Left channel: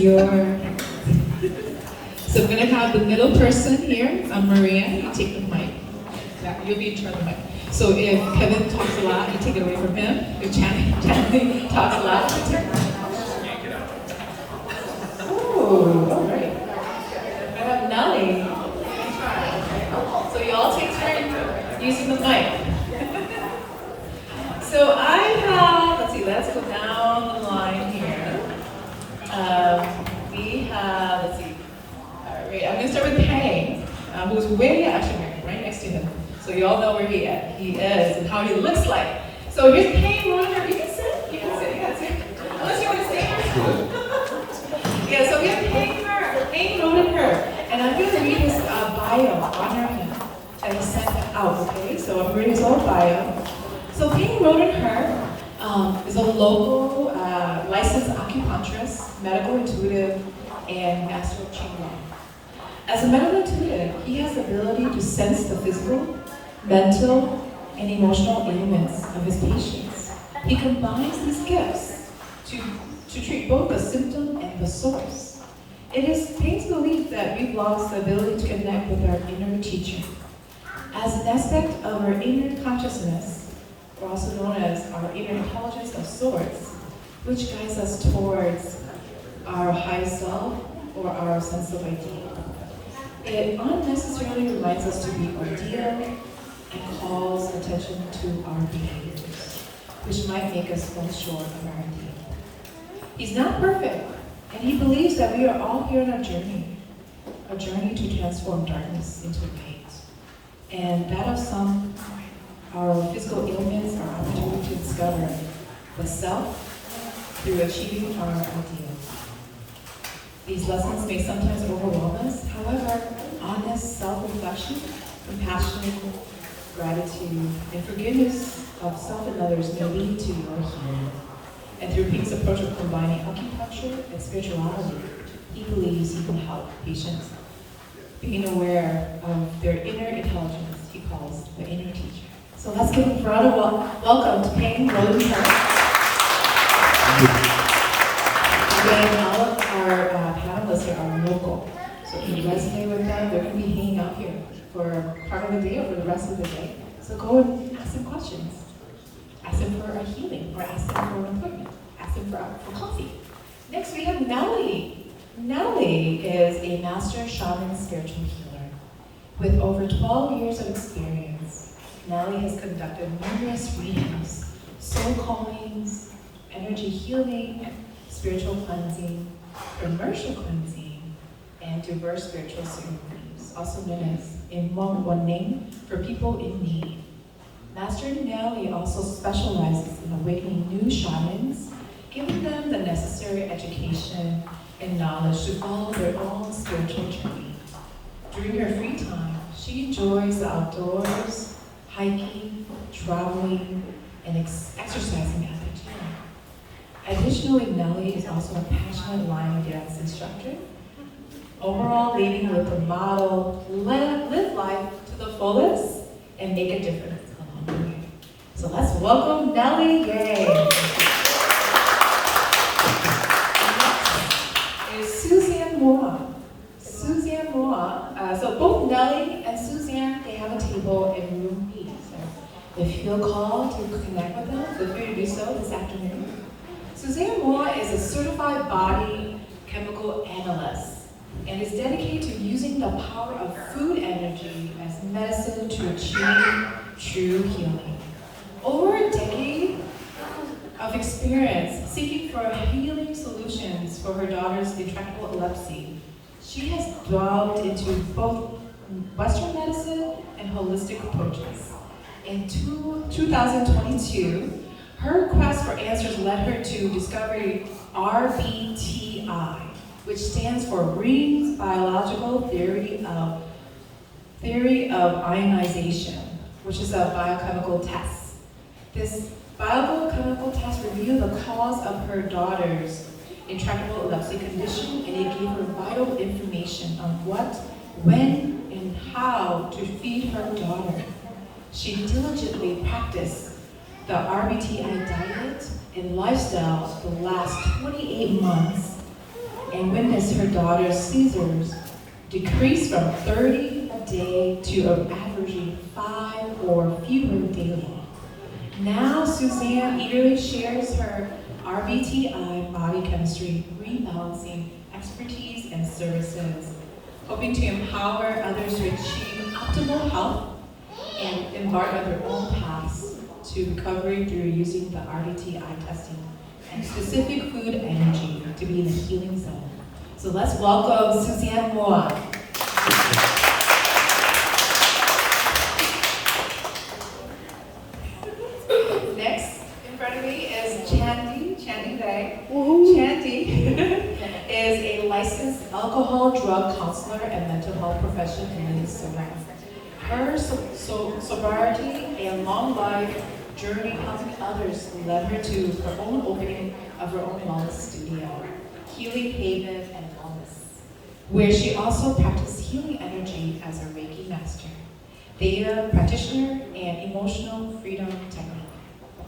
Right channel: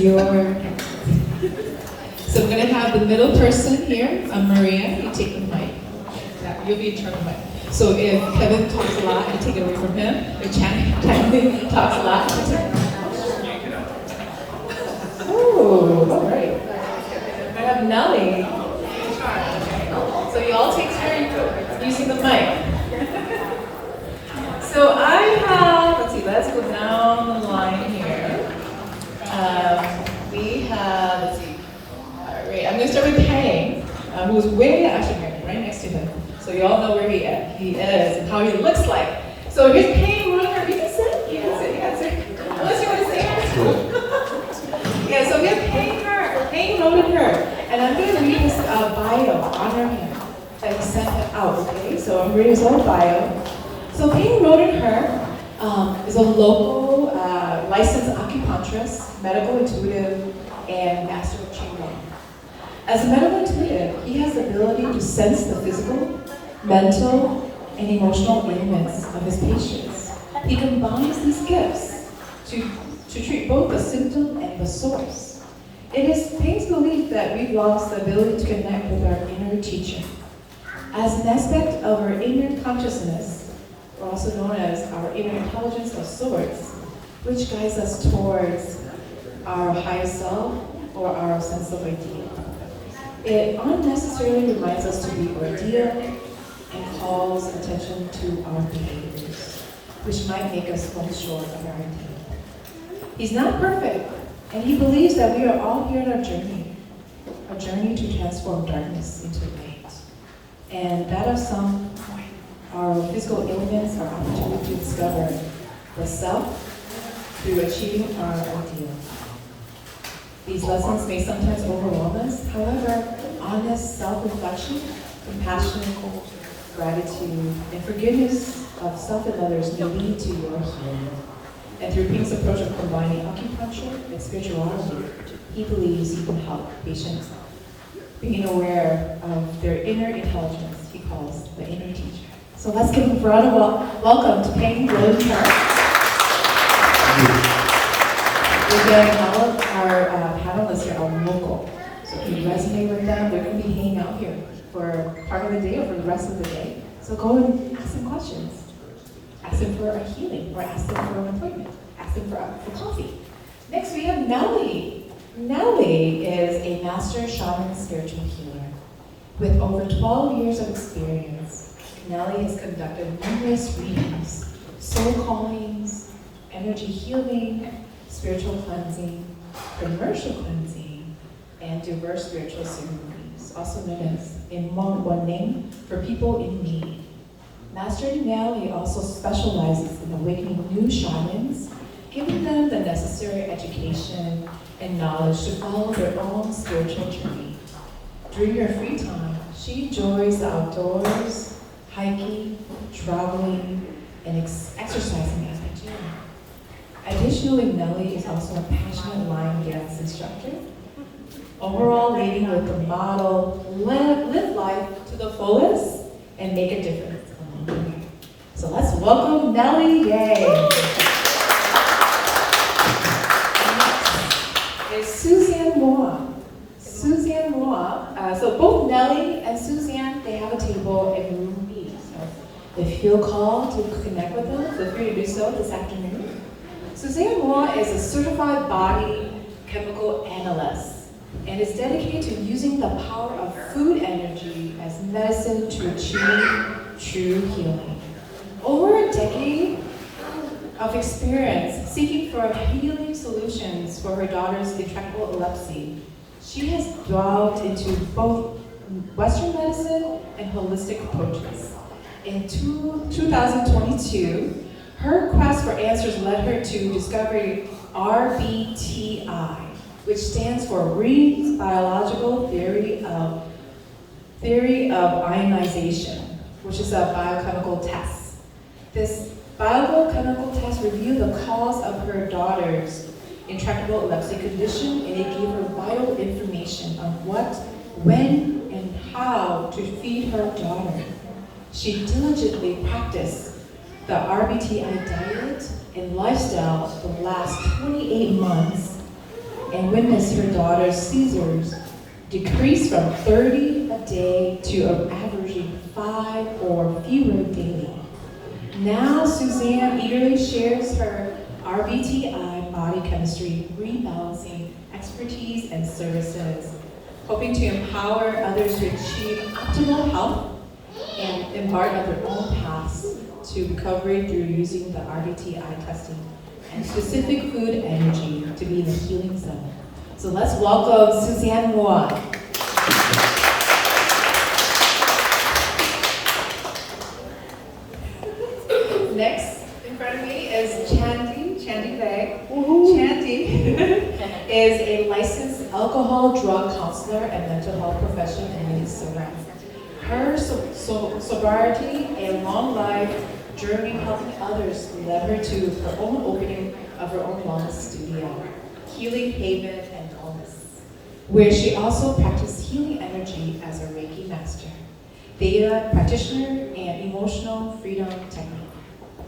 your hand. So we're going to have the middle person here, Maria, you take the mic. Yeah, you'll be in charge of the mic. So if Kevin talks a lot, you take it away from him. If Channing talks a lot, you take it. Oh, all right. I have Nellie in charge, okay? So you all take turns using the mic. So I have, let's see, let's go down the line here. We have, let's see, all right, I'm going to start with Pang, who's actually right next to him. So you all know where he is and how he looks like. So here's Pang running her. You can sit, you can sit. Unless you want to stand. Yeah, so we have Pang wrote her. And I'm going to read his bio on her hand that he sent out, okay? So I'm reading his own bio. So Pang Rodenher is a local licensed acupuncturist, medical intuitive, and master of Qigong. As a medical intuitive, he has the ability to sense the physical, mental, and emotional ailments of his patients. He combines these gifts to treat both the symptom and the source. It is Pang's belief that we've lost the ability to connect with our inner teacher. As an aspect of our inner consciousness, or also known as our inner intelligence of sorts, which guides us towards our highest self or our sense of ideal. It unnecessarily reminds us to be ideal and calls attention to our behaviors, which might make us fall short of our ideal. He's not perfect, and he believes that we are all here on a journey to transform darkness into light. And that of some, our physical ailments are opportunity to discover the self through achieving our ideal. These lessons may sometimes overwhelm us. However, honest self-reflection, compassion, gratitude, and forgiveness of self and others may lead to your healing. And through Ping's approach of combining acupuncture and spirituality, he believes he can help patients being aware of their inner intelligence, he calls the inner teacher. So let's give a round of welcome to Pang Rodenher. Again, all of our panelists here are local. So if you resonate with them, they're going to be hanging out here for part of the day or for the rest of the day. So go and ask them questions. Ask them for a healing, or ask them for an appointment. Ask them for coffee. Next we have Nellie. Nellie is a master shaman spiritual healer. With over 12 years of experience, Nellie has conducted numerous readings, soul callings, energy healing, spiritual cleansing, commercial cleansing, and diverse spiritual ceremonies, also known as in Hmong one name for people in need. Master Nellie also specializes in awakening new shamans, giving them the necessary education and knowledge to follow their own spiritual journey. During her free time, she enjoys the outdoors, hiking, traveling, and exercising at the gym. Additionally, Nellie is also a passionate line dance instructor. Overall, leading with the motto, live life to the fullest and make a difference along the way. So let's welcome Nellie. Yay! Is Suzanne Moa. Suzanne Moa. So both Nellie and Suzanne, they have a table in room B. So if you feel called to connect with them, feel free to do so this afternoon. Suzanne Moa is a certified body chemical analyst and is dedicated to using the power of food energy as medicine to achieve true healing. Over a decade of experience seeking for healing solutions for her daughter's intractable epilepsy, she has delved into both Western medicine and holistic approaches. In 2022, her quest for answers led her to discover RBTI, which stands for Reed's Biological Theory of Ionization, which is a biochemical test. This biochemical test reviewed the cause of her daughter's intractable epilepsy condition, and it gave her vital information on what, when, and how to feed her daughter. She diligently practiced the RBTI diet and lifestyle for the last 28 months, and witnessed her daughter's seizures decrease from 30 a day to averaging 5 or fewer daily. Now Suzanne eagerly shares her RBTI body chemistry rebalancing expertise and services, hoping to empower others to achieve optimal health and embark on their own paths to recovery through using the RBTI testing and specific food energy to be in the healing zone. So let's welcome Suzanne Moore. Next in front of me is Chandy Day. Chandy is a licensed alcohol drug counselor and mental health professional in Surrey. Her sobriety and long life journey helping others led her to her own opening of her own wellness studio, Healing Haven and Wellness, where she also practiced healing energy as a Reiki master, Theta practitioner, and emotional freedom technique,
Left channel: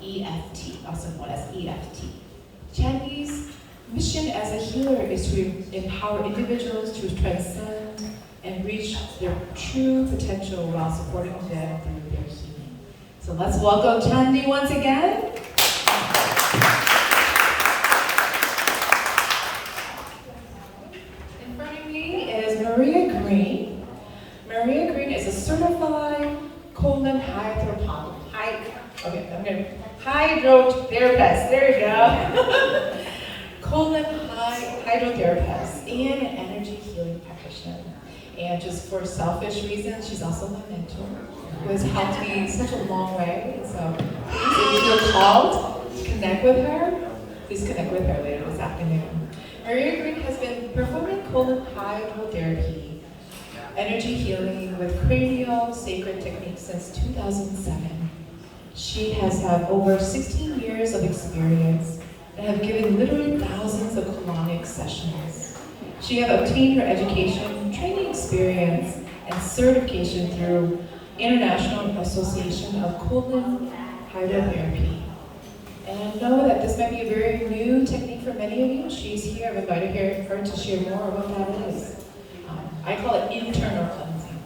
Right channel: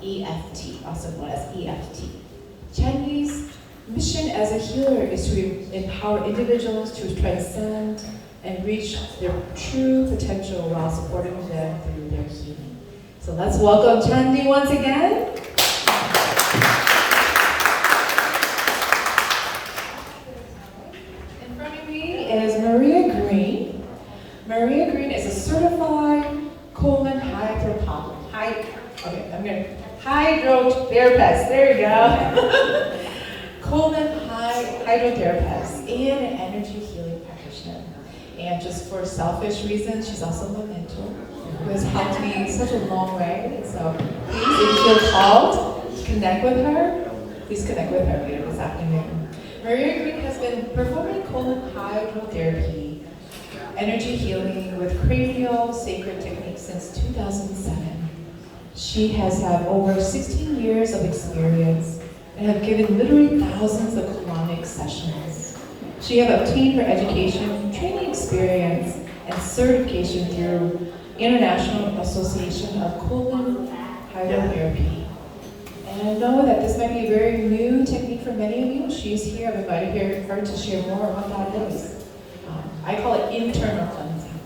EFT, also known as EFT. Chandy's mission as a healer is to empower individuals to transcend and reach their true potential while supporting them through their healing. So let's welcome Chandy once again. In front of me is Maria Green. Maria Green is a certified colon hydrotherapist. There you go. Colon hydrotherapist and an energy healing practitioner. And just for selfish reasons, she's also my mentor, who has helped me such a long way. So please, if you feel called to connect with her, please connect with her later this afternoon. Maria Green has been performing colon hydrotherapy, energy healing with cranial sacred techniques since 2007. She has had over 16 years of experience and have given literally thousands of colonic sessions. She has obtained her education, training experience, and certification through International Association of Colon Hydrotherapy. And I know that this might be a very new technique for many of you. She's here. I'm invited her to share more of what that is. I call it internal cleansing.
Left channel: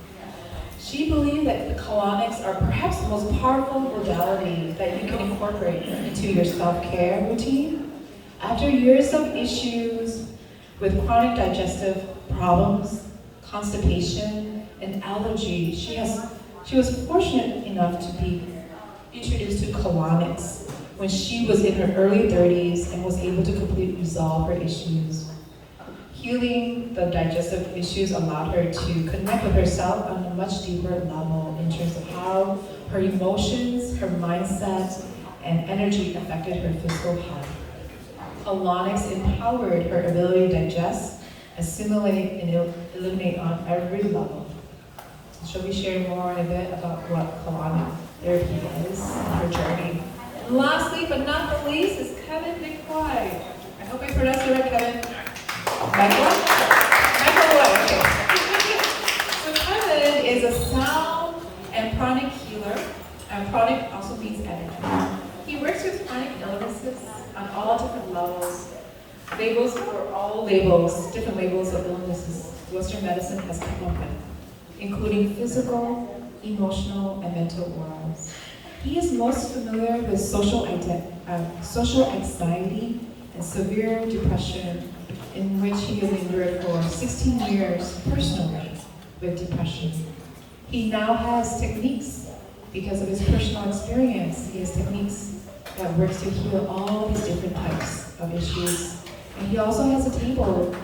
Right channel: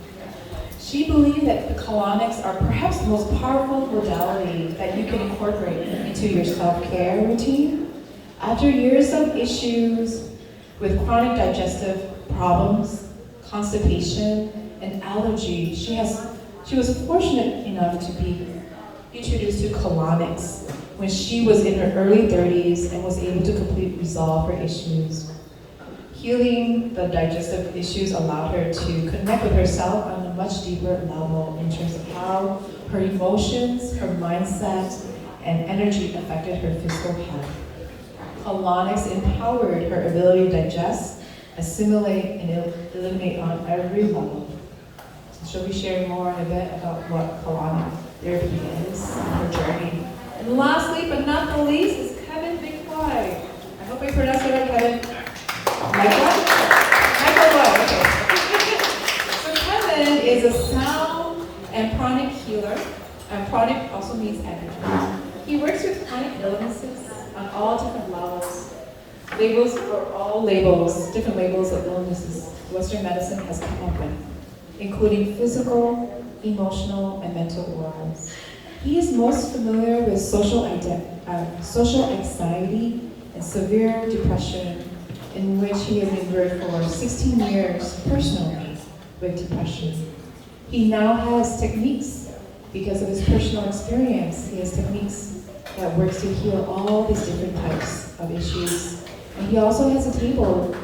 She believed that the colonics are perhaps the most powerful modality that you can incorporate into your self-care routine. After years of issues with chronic digestive problems, constipation, and allergy, she was fortunate enough to be introduced to colonics when she was in her early 30s and was able to completely resolve her issues. Healing the digestive issues allowed her to connect with herself on a much deeper level in terms of how her emotions, her mindset, and energy affected her physical health. Colonics empowered her ability to digest, assimilate, and eliminate on every level. She'll be sharing more in a bit about what colonic therapy is and her journey. And lastly, but not the least, is Kevin McCoy. I hope I pronounced it right, Kevin. McCoy, okay. So Kevin is a sound and pranic healer, and pranic also means energy. He works with chronic illnesses on all different levels. Labels or all labels, different labels of illnesses Western medicine has come up with, including physical, emotional, and mental woes. He is most familiar with social anxiety and severe depression, in which he has endured for 16 years personally with depression. He now has techniques, because of his personal experience, he has techniques that works to heal all these different types of issues. And he also has a table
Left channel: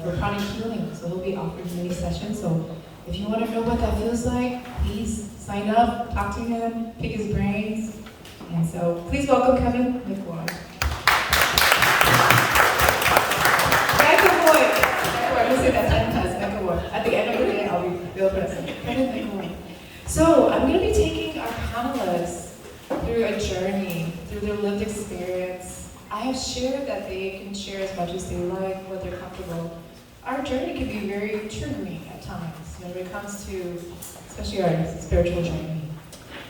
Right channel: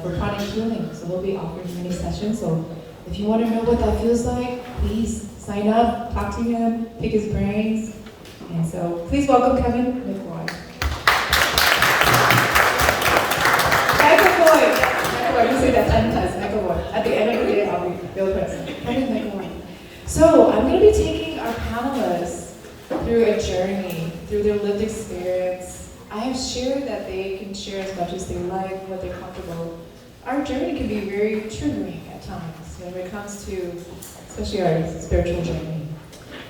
for chronic healing, so we'll be offering many sessions. So if you want to know what that feels like, please sign up, talk to him, pick his brains. And so please welcome Kevin McCoy. McCoy, you say that 10 times, McCoy. At the end of the day, I'll be real present. Kevin McCoy. So I'm going to be taking our panelists through a journey, through their lived experience. I have shared that they can share as much as they like, what they're comfortable. Our journey can be very triggering at times, when it comes to, especially our spiritual journey.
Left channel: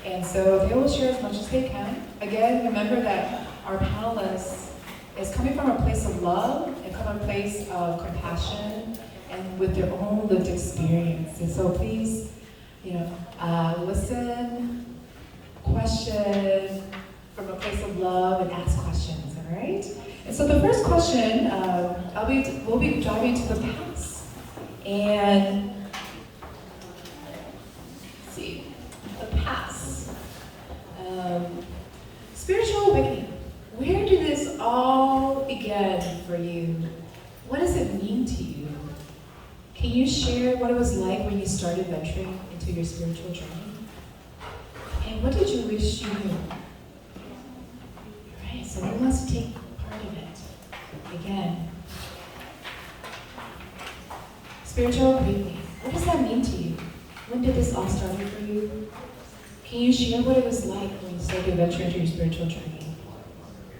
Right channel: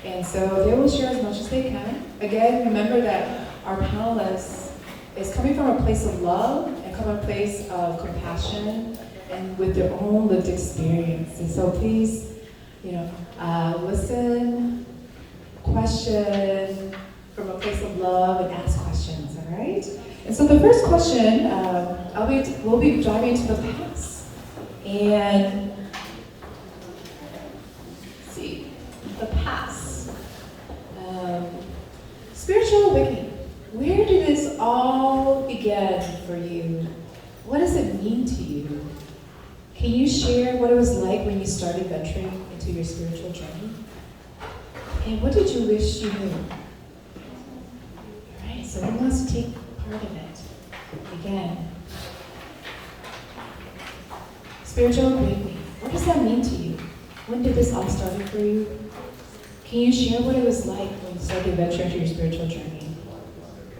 And so they will share as much as they can. Again, remember that our panelists is coming from a place of love and come a place of compassion and with their own lived experience. And so please, listen, question from a place of love, and ask questions, all right? And so the first question, we'll be diving into the past. And let's see, the past. Spiritual awakening. Where did this all begin for you? What does it mean to you? Can you share what it was like when you started venturing into your spiritual journey? And what did you wish you knew? All right, so who wants to take part of it? Again. Spiritual awakening. What does that mean to you? When did this all start for you? Can you share what it was like when you started venturing into your spiritual journey?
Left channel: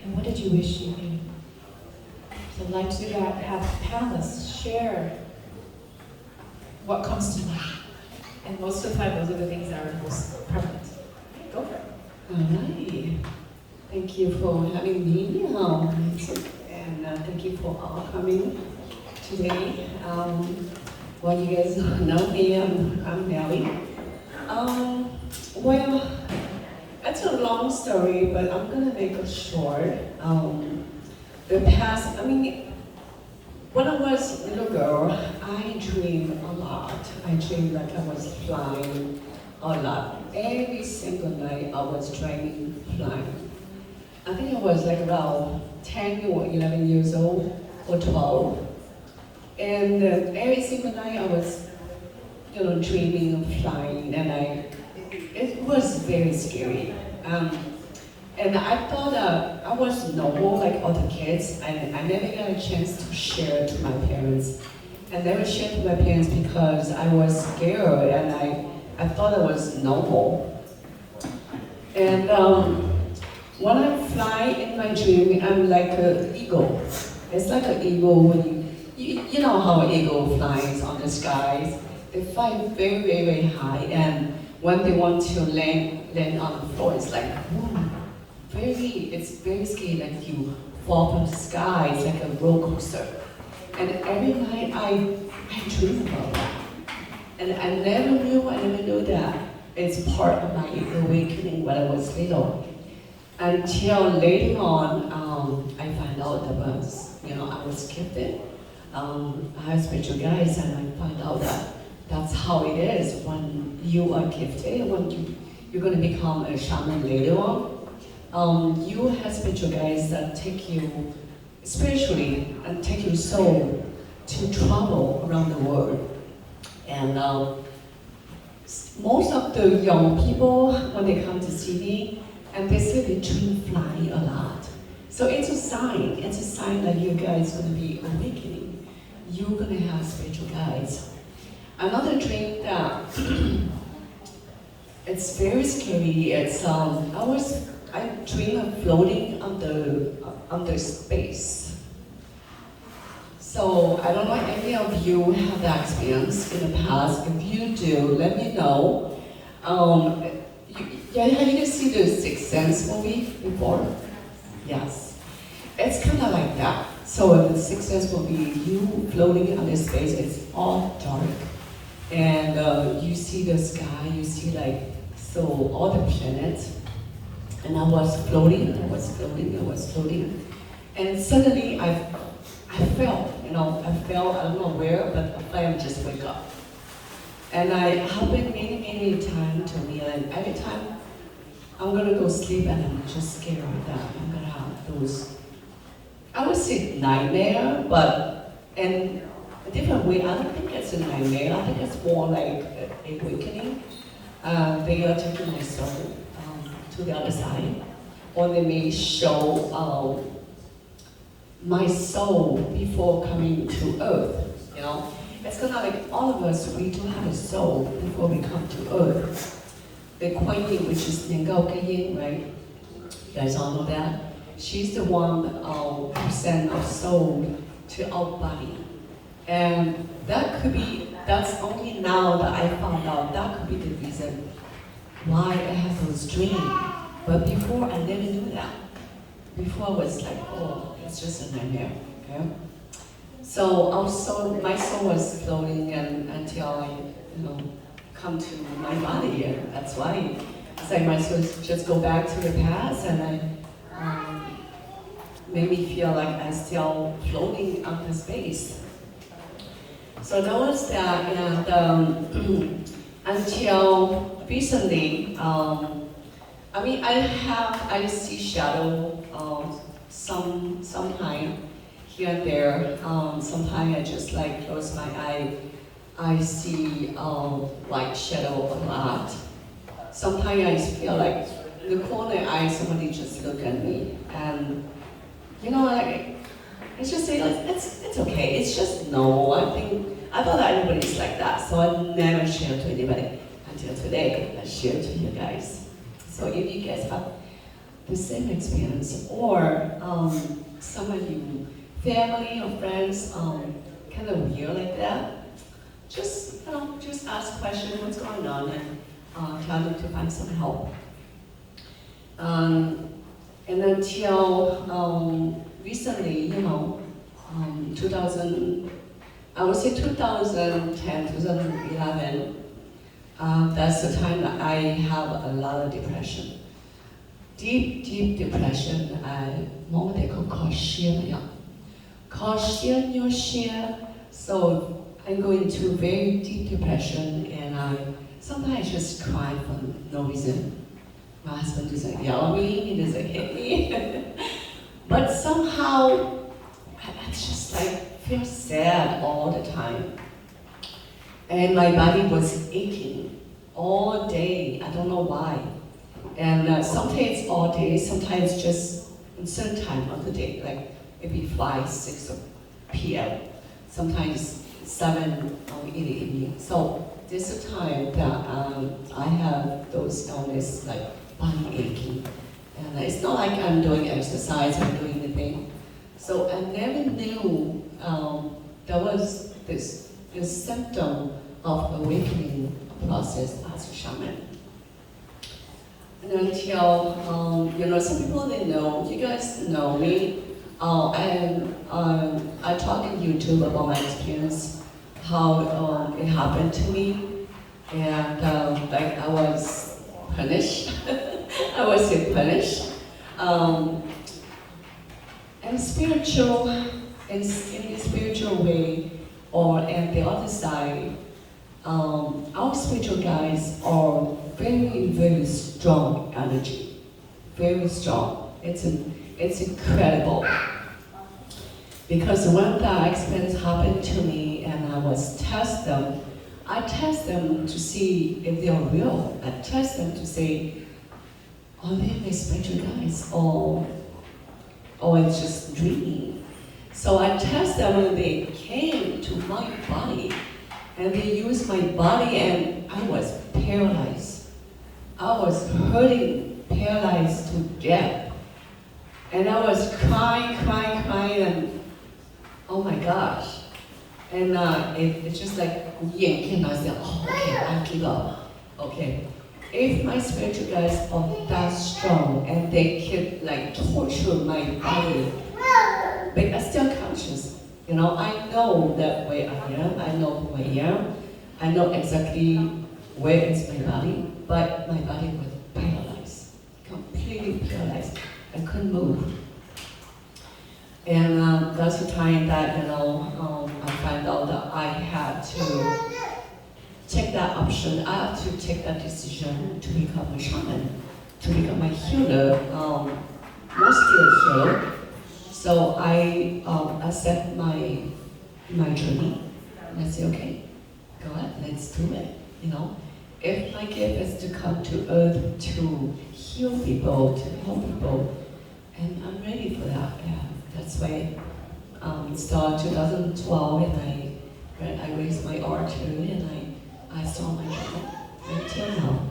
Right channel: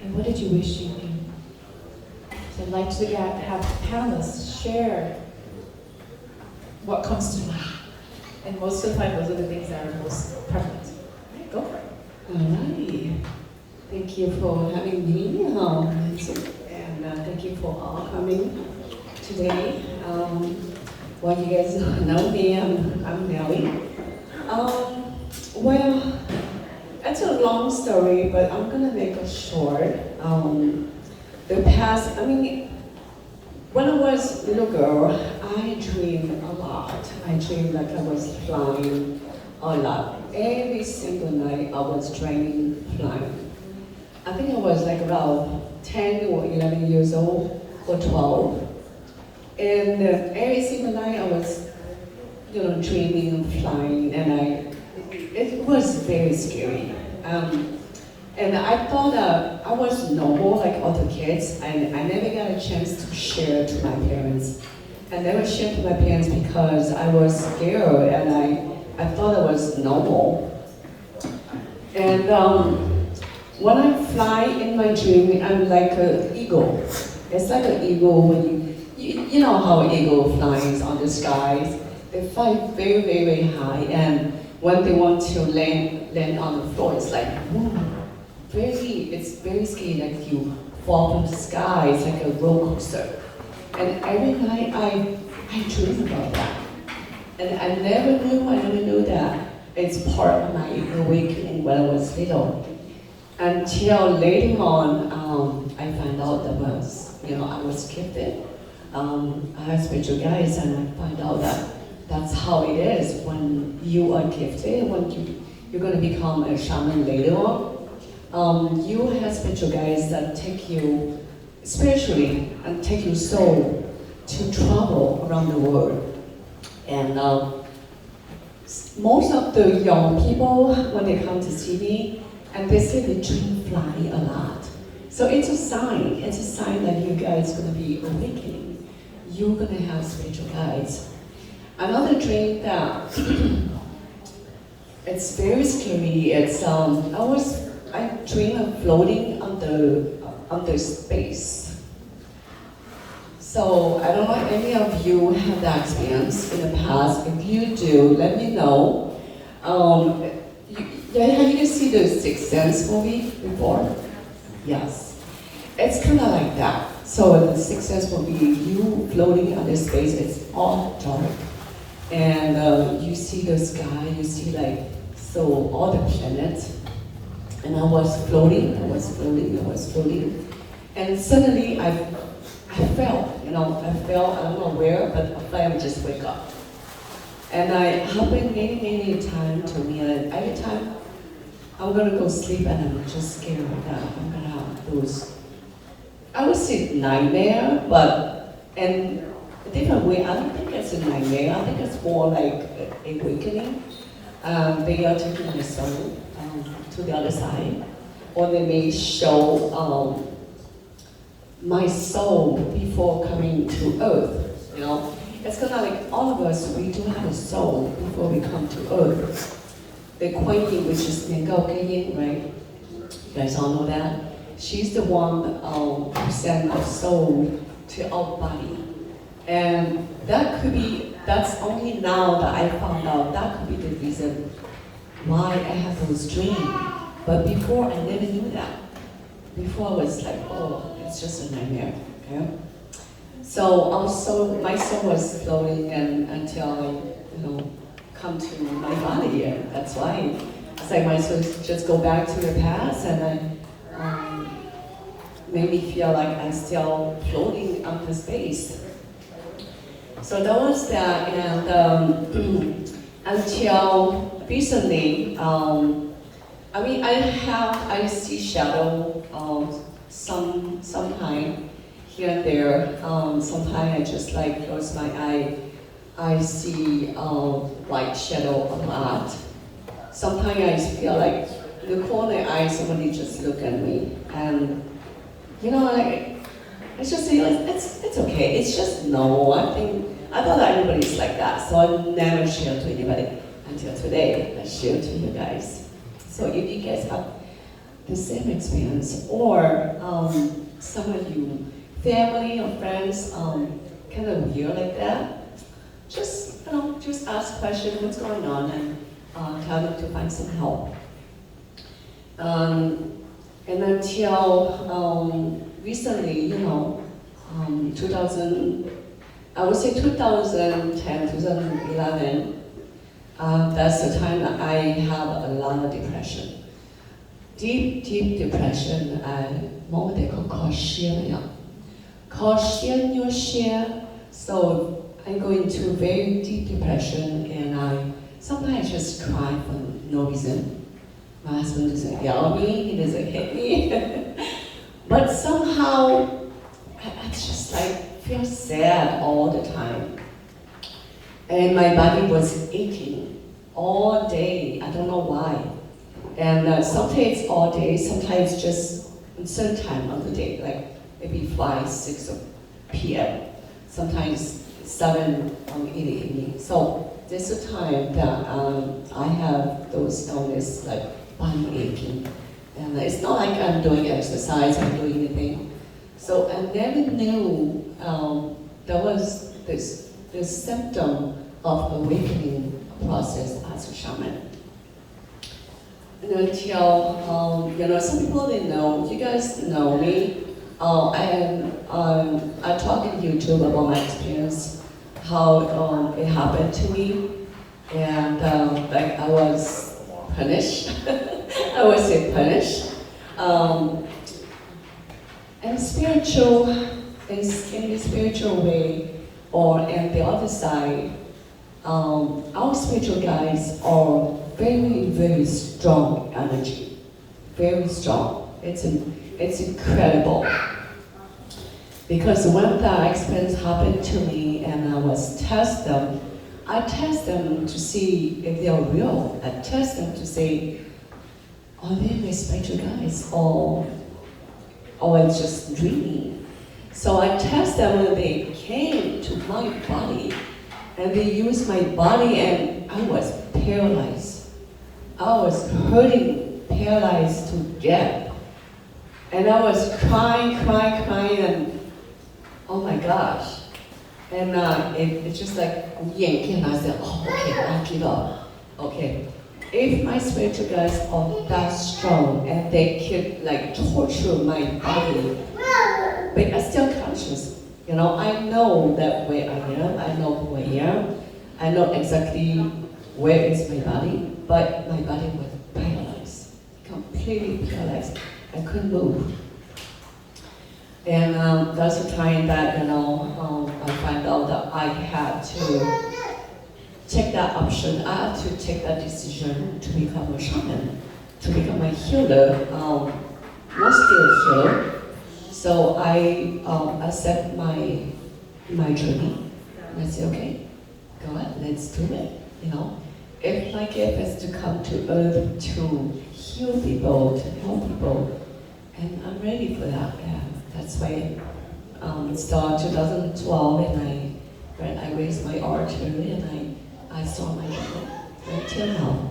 And what did you wish you knew? So I'd like to have panelists share what comes to mind. And most of the time, those are the things that are most prevalent. Right, go for it. Alrighty. Thank you for having me, and thank you for all coming today. Well, you guys know me, I'm Nellie. Well, it's a long story, but I'm gonna make it short. The past, when I was a little girl, I dreamed a lot. I dreamed like I was flying a lot. Every single night I was dreaming flying. I think I was like around 10 or 11 years old or 12. And every single night I was, dreaming of flying, and it was very scary. And I thought I was normal like other kids, and I never got a chance to share to my parents. I never shared to my parents because I was scared, and I thought I was normal. And when I fly in my dream, I'm like an eagle. It's like an eagle when you know how an eagle flies on the skies. They fly very, very, very high, and when they want to land on the floor, it's like, woo. It's very scary, like you fall from the sky, it's like a roller coaster. And every night I dream about that. And I never knew that it's part of my awakening when I was little. Until later on, I found out that I was gifted. I had spiritual guides, and I find out that that's how it is when you are gifted, when you're going to become a shaman later on. You have spiritual guides that take you spiritually and take your soul to travel around the world. And most of the young people, when they come to see me, and they say they dream fly a lot. So it's a sign that you guys are going to be awakening. You're going to have spiritual guides. Another dream that it's very scary. It's I dream of floating under space. So I don't know if any of you have that experience in the past. If you do, let me know. Have you seen the Sixth Sense movie before? Yes. It's kind of like that. So in the Sixth Sense movie, you floating under space, it's all dark. And you see the sky, you see all the planets. And I was floating. And suddenly I fell, I don't know where, but I just wake up. And it happened many times to me, and every time I'm gonna go sleep and I'm just scared that I'm gonna have those, I would say nightmare, but in a different way. I don't think it's a nightmare, I think it's more like awakening. They are taking my soul to the other side, or they may show my soul before coming to earth, It's kind of like all of us, we do have a soul before we come to earth. The Kuan Yin, which is Nengao Yin, right? You guys all know that? She's the one who sent our soul to our body. And that's only now that I found out, that could be the reason why I have those dreams. But before, I never knew that. Before I was like, oh, it's just a nightmare, okay? So also my soul was floating and until I, come to my body, and that's why it's like my soul just go back to the past, and I made me feel like I'm still floating up in space. So that was that, and until recently, I see shadow sometime here and there. Sometimes I just like close my eye. I see white shadow a lot. Sometimes I feel like in the corner eye somebody just look at me, and it's just say it's okay. It's just normal. I thought everybody's like that, so I never share to anybody until today. I share to you guys. So if you guys have the same experience, or some of you, family or friends, kind of weird like that, just ask questions, what's going on, and tell them to find some help. And until recently, 2010, 2011, that's the time that I have a lot of depression. Deep depression, more they call sheer. So I'm going through very deep depression, and sometimes I just cry for no reason. My husband doesn't yell at me, he doesn't hit me. But somehow, I just like feel sad all the time. And my body was aching all day, I don't know why. And sometimes all day, sometimes just a certain time of the day, like maybe 5, 6 p.m., sometimes 7 in the evening. So there's a time that I have those illness like body aching. And it's not like I'm doing exercise, I'm doing anything. So I never knew there was this symptom of awakening process as a shaman. And until, some people they know, you guys know me. I talk on YouTube about my experience, how it happened to me, and like I was punished. I would say punished. And spiritual, in the spiritual way, or in the other side, our spiritual guides are very, very strong energy, very strong. It's incredible. Because when that experience happened to me and I test them to see if they are real. I test them to say, are they my spiritual guides or it's just dreaming? So I test them when they came to my body and they used my body and I was paralyzed. I was hurting, paralyzed to death. And I was crying, and oh my gosh. And it's just like, and I said, oh, okay, I give up. Okay. If my spiritual guides are that strong and they could like torture my body, but I'm still conscious. I know that where I am, I know who I am, I know exactly where is my body, but my body was paralyzed, completely paralyzed. I couldn't move. And that's the time that, I find out that I had to take that option. I have to take that decision to become a shaman, to become a healer, mostly a healer. So I accept my journey, and I say, okay, go ahead, let's do it. If my gift is to come to earth to heal people, to help people, and I'm ready for that. Yeah, that's why it started 2012, and I raised my altar, and I started my journey until now.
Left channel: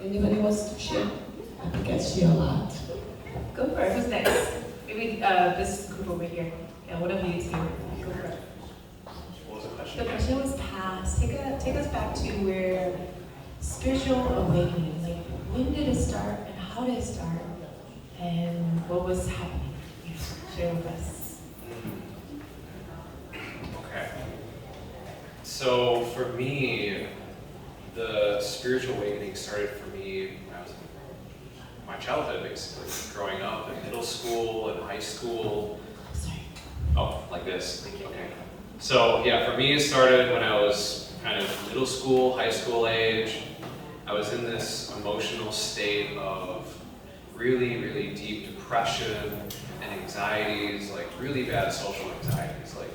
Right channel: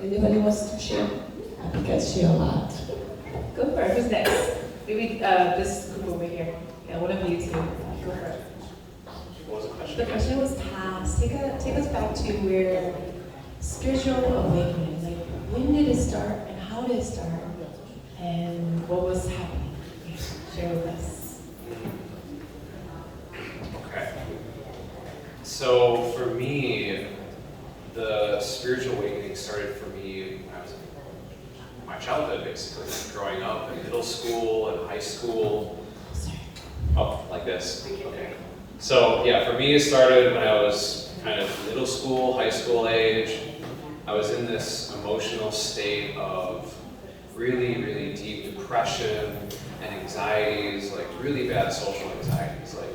Anybody wants to share? I think I share a lot. Go for it. Who's next? Maybe this group over here. Yeah, one of you two. Go for it. What was the question? The question was past. Take us back to where spiritual awakening. Like, when did it start, and how did it start, and what was happening? Share with us. So for me, the spiritual awakening started for me when I was in my childhood, basically, growing up in middle school and high school. Oh, like this. Okay. So yeah, for me, it started when I was kind of middle school, high school age. I was in this emotional state of really, really deep depression and anxieties, like really bad social anxieties. Like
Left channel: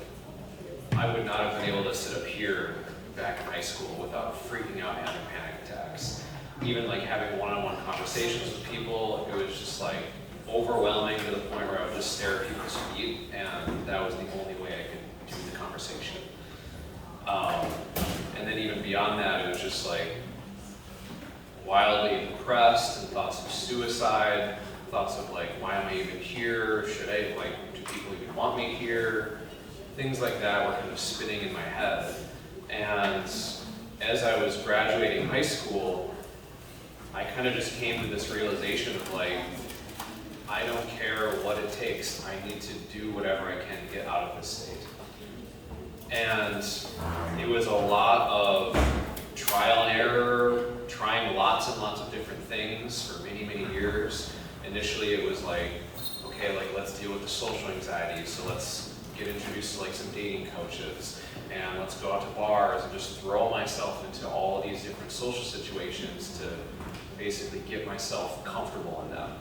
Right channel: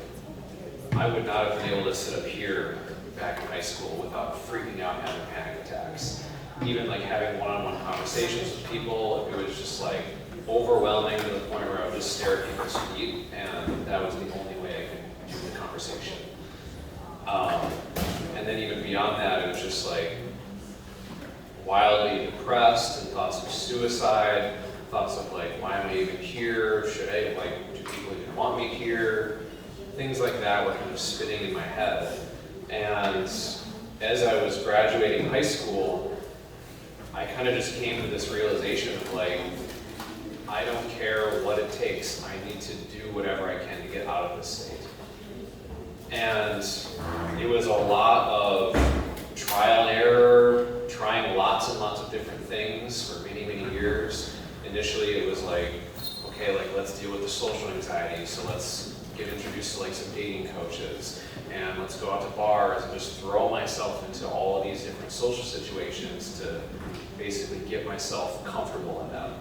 I would not have been able to sit up here back in high school without freaking out and having panic attacks. Even like having one-on-one conversations with people, it was just like overwhelming to the point where I would just stare at people's feet, and that was the only way I could do the conversation. And then even beyond that, it was just like wildly depressed and thoughts of suicide, thoughts of like, why am I even here? Should I, like, do people even want me here? Things like that were kind of spinning in my head. And as I was graduating high school, I kind of just came to this realization of like, I don't care what it takes. I need to do whatever I can to get out of this state. And it was a lot of trial and error, trying lots and lots of different things for many, many years. Initially it was like, okay, like let's deal with the social anxiety, so let's get introduced to like some dating coaches, and let's go out to bars and just throw myself into all of these different social situations to basically get myself comfortable in them.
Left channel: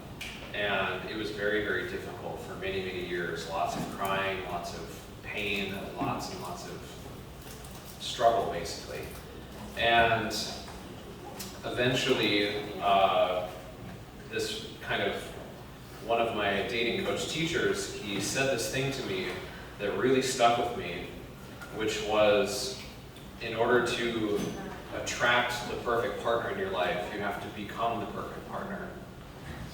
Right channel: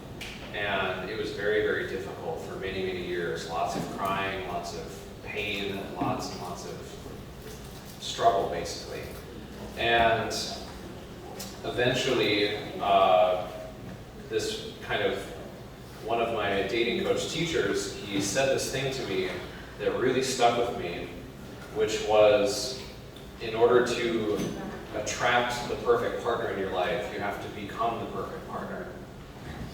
And it was very, very difficult for many, many years. Lots of crying, lots of pain, lots and lots of struggle, basically. And eventually, this kind of, one of my dating coach teachers, he said this thing to me that really stuck with me, which was, in order to attract the perfect partner in your life, you have to become the perfect partner.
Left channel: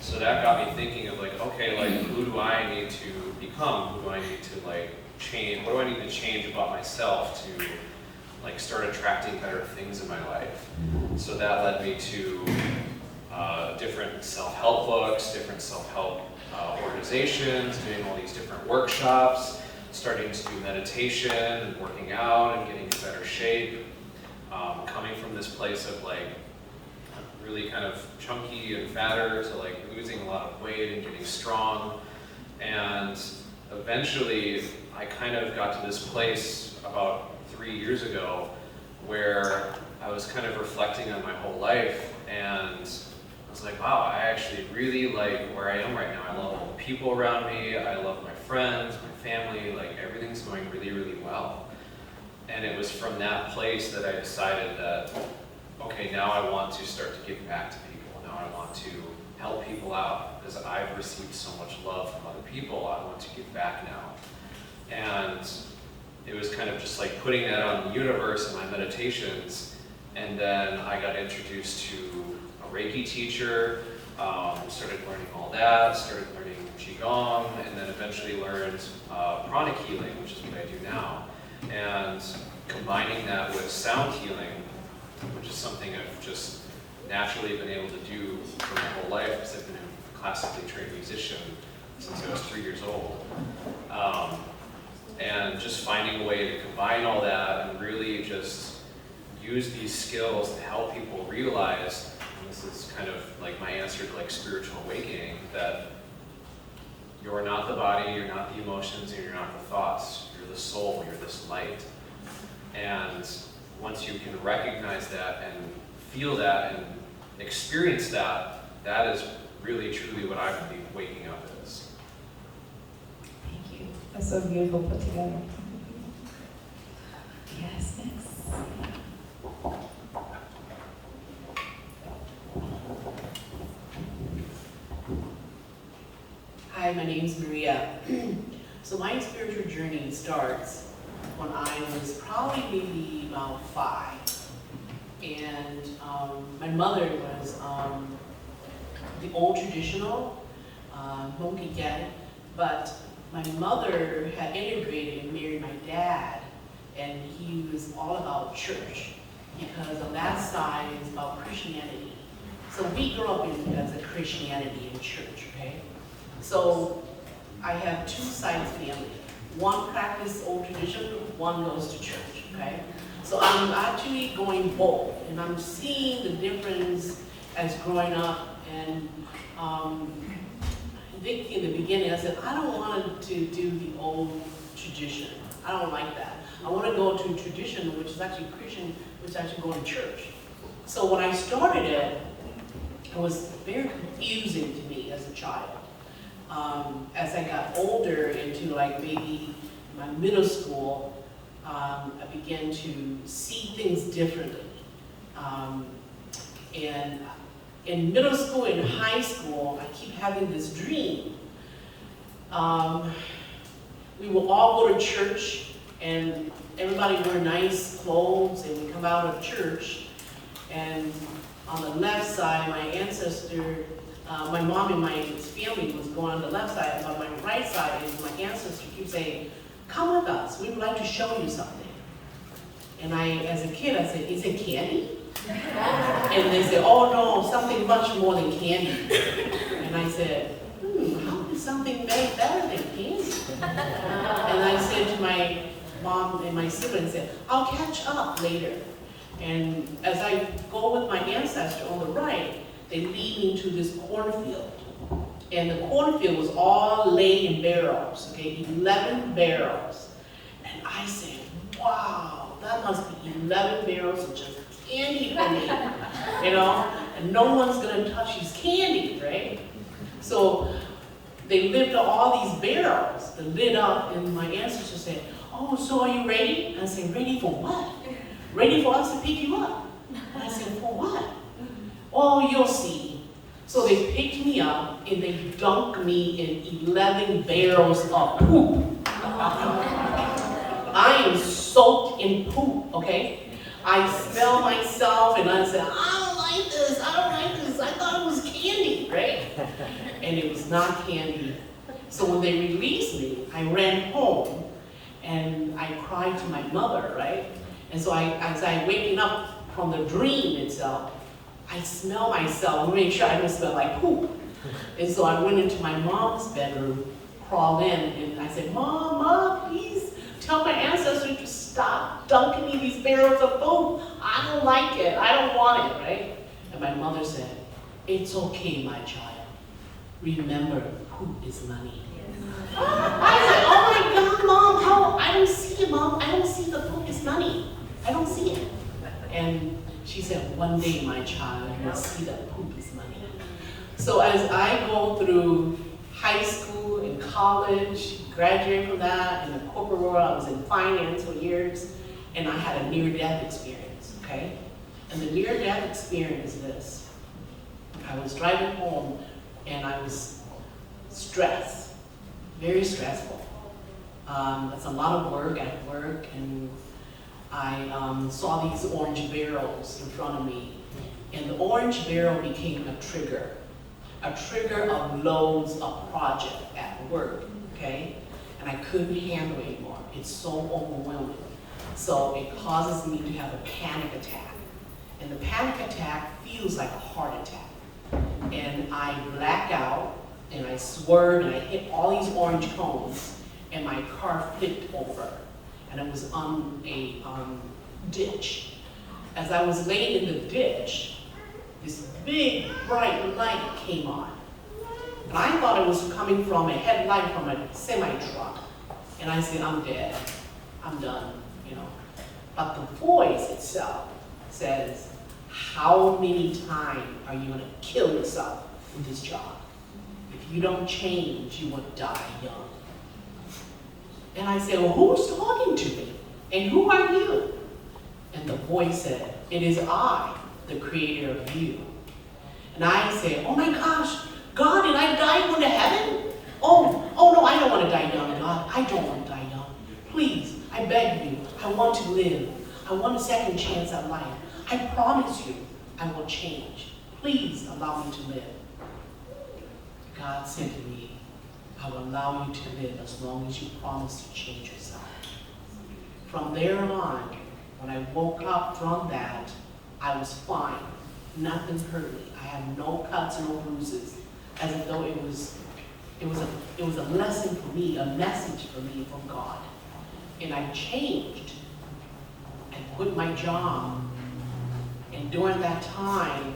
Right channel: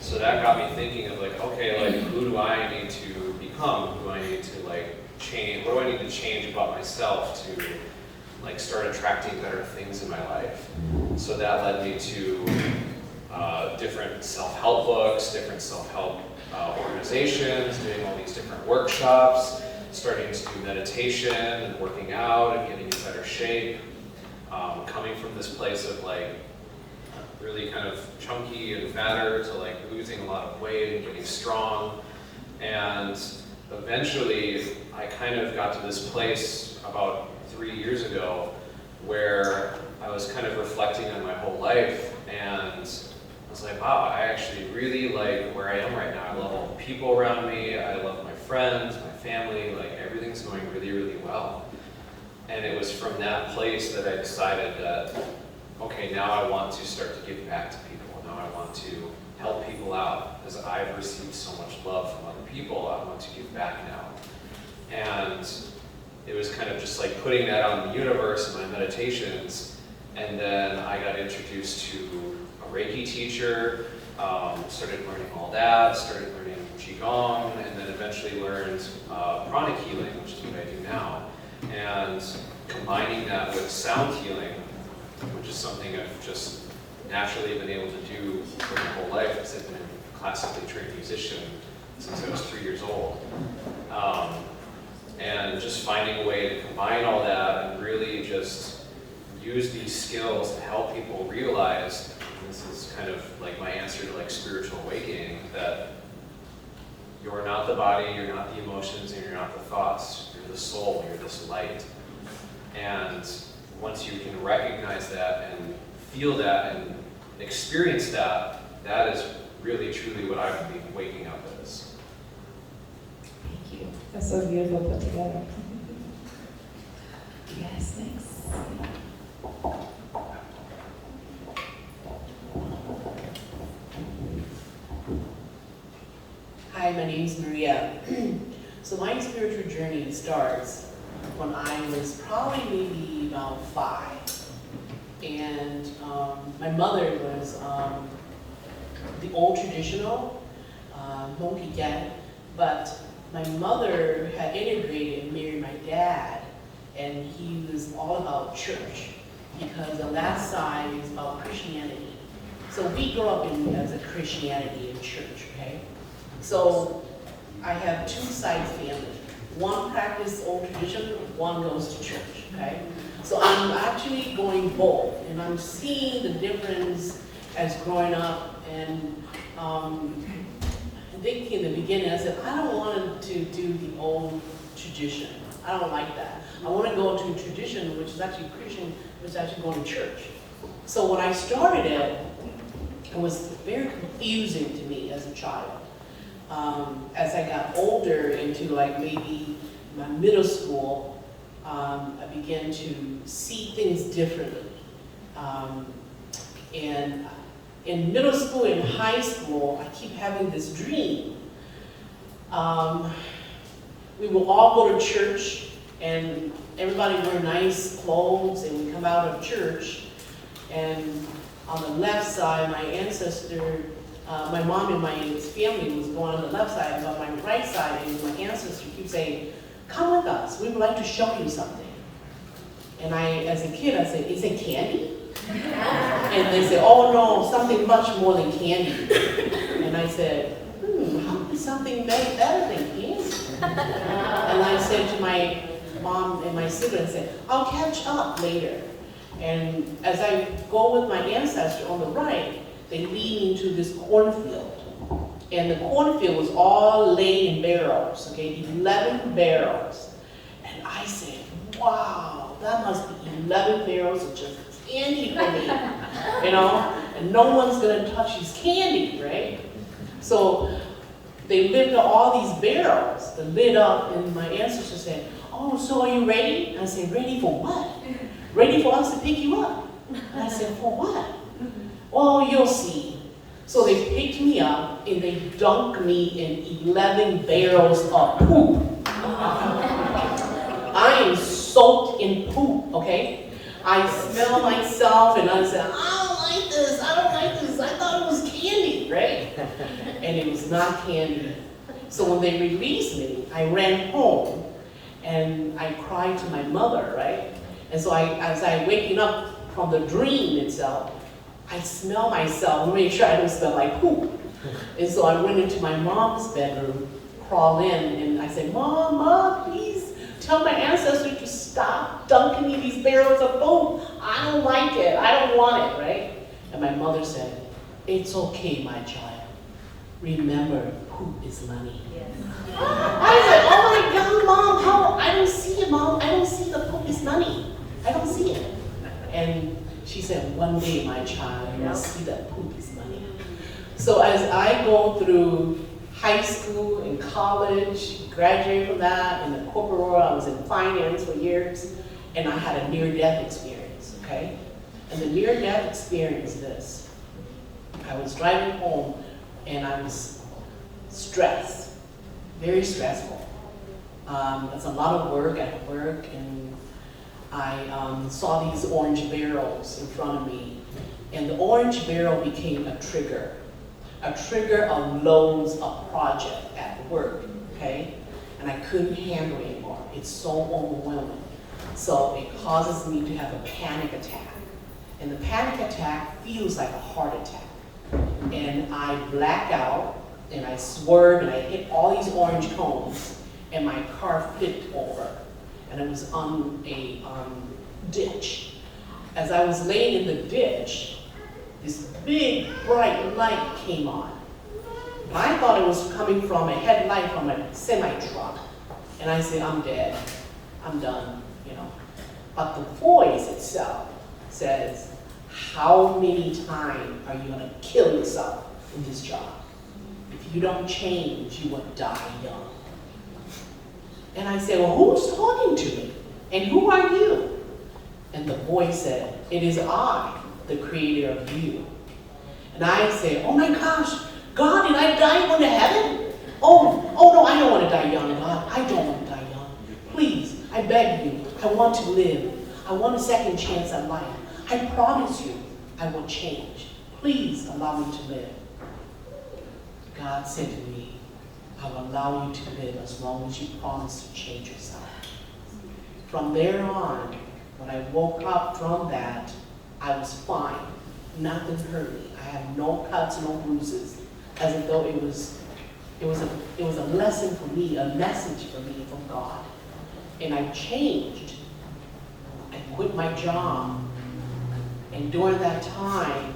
So that got me thinking of like, okay, like who do I need to become? Who do I need to like change? What do I need to change about myself to like start attracting better things in my life? So that led me to different self-help books, different self-help organizations, doing all these different workshops, starting to do meditation and working out and getting in better shape. Coming from this place of like really kind of chunky and fatter to like losing a lot of weight and getting strong. And eventually I kind of got to this place about 3 years ago where I was kind of reflecting on my whole life, and I was like, wow, I actually really like where I am right now. I love all the people around me, I love my friends, my family, like everything's going really, really well. And it was from that place that I decided that, okay, now I want to start to give back to people. Now I want to help people out because I've received so much love from other people. I want to give back now. And it was kind of just like putting that on the universe in my meditations. And then I got introduced to a Reiki teacher, started learning all that, started learning Qigong, and then eventually learned pranic healing, which is what I do now. And combining that with sound healing, which is something I've just naturally been able to do for my whole life because I've been a classically trained musician since I was 3 years old. And just finding a way to combine all that and really just use these skills to help people realize, and this is kind of like my answer to like spiritual awakening, that you're not the body, you're not the emotions, and you're not the thoughts. You're the soul, you're this light. And once you can recognize that and feel that and experience that, that is really truly what I believe waking up is. Thank you. That's so beautiful put together. Yes, next. Hi, my name is Maria. So my spiritual journey starts when I was probably maybe about 5. And my mother was the old traditional Hmong dad, but my mother had integrated and married my dad, and he was all about church because on that side it was about Christianity. So we grew up as a Christianity in church, okay? So I have 2 sides family. one practice old tradition, one goes to church, okay? So I'm actually going both, and I'm seeing the difference as growing up, and thinking in the beginning, I said, I don't want to do the old tradition. I don't like that. I want to go to a tradition which is actually Christian, which is actually going to church. So when I started it, it was very confusing to me as a child. As I got older into like maybe my middle school, I began to see things differently. And in middle school and high school, I keep having this dream. We will all go to church and everybody wear nice clothes and we come out of church, and on the left side, my ancestor, my mom and my family was going on the left side, but on my right side is my ancestor keep saying, come with us, we would like to show you something. And I, as a kid, I said, is it candy? And they said, oh no, something much more than candy. And I said, how could something make better than candy? And I said to my mom and my siblings, said, I'll catch up later. And as I go with my ancestor on the right, they lead me to this cornfield. And the cornfield was all laid in barrels, okay, 11 barrels. And I said, wow, that must be 11 barrels of just candy for me, you know? And no one's gonna touch these candy, right? So they lifted all these barrels, the lid up, and my ancestor said, oh, so are you ready? And I said, ready for what? Ready for us to pick you up? And I said, for what? Oh, you'll see. So they picked me up and they dunked me in 11 barrels of poop. I am soaked in poop, okay? I smell myself and I said, I don't like this, I don't like this. I thought it was candy, right? And it was not candy. So when they released me, I ran home and I cried to my mother, right? And so as I waking up from the dream itself, I smell myself to make sure I don't smell like poop. And so I went into my mom's bedroom, crawled in, and I said, Mom, please tell my ancestor to stop dunking me these barrels of poop. I don't like it, I don't want it, right? And my mother said, it's okay, my child. Remember, poop is money. I said, oh my God, Mom, how? I don't see it, Mom. I don't see the poop is money. I don't see it. And she said, one day, my child, you will see that poop is money. So as I go through high school and college, graduated from that, in the corporate world, I was in finance for years, and I had a near-death experience, okay? And the near-death experience is this. I was driving home, and I was stressed, very stressful. It's a lot of work at work, and I saw these orange barrels in front of me, and the orange barrel became a trigger of loads of project at work, okay? And I couldn't handle it anymore. It's so overwhelming. So it causes me to have a panic attack. And the panic attack feels like a heart attack. And I black out, and I swerve, and I hit all these orange cones, and my car flipped over. And it was on a ditch. As I was laying in the ditch, this big bright light came on. And I thought it was coming from a headlight from a semi-truck. And I said, I'm dead, I'm done, you know. But the voice itself says, how many times are you gonna kill yourself in this job? If you don't change, you will die young. And I said, well, who's talking to me? And who are you? And the voice said, it is I, the creator of you. And I said, oh my gosh, God, did I die going to heaven? Oh no, I don't want to die young, God. I don't want to die young. Please, I beg you, I want to live. I want a second chance at life. I promise you, I will change. Please allow me to live. God said to me, I will allow you to live as long as you promise to change yourself. From there on, when I woke up from that, I was fine. Nothing hurt me. I had no cuts, no bruises, as though it was it was a lesson for me, a message for me from God. And I changed. I quit my job. And during that time,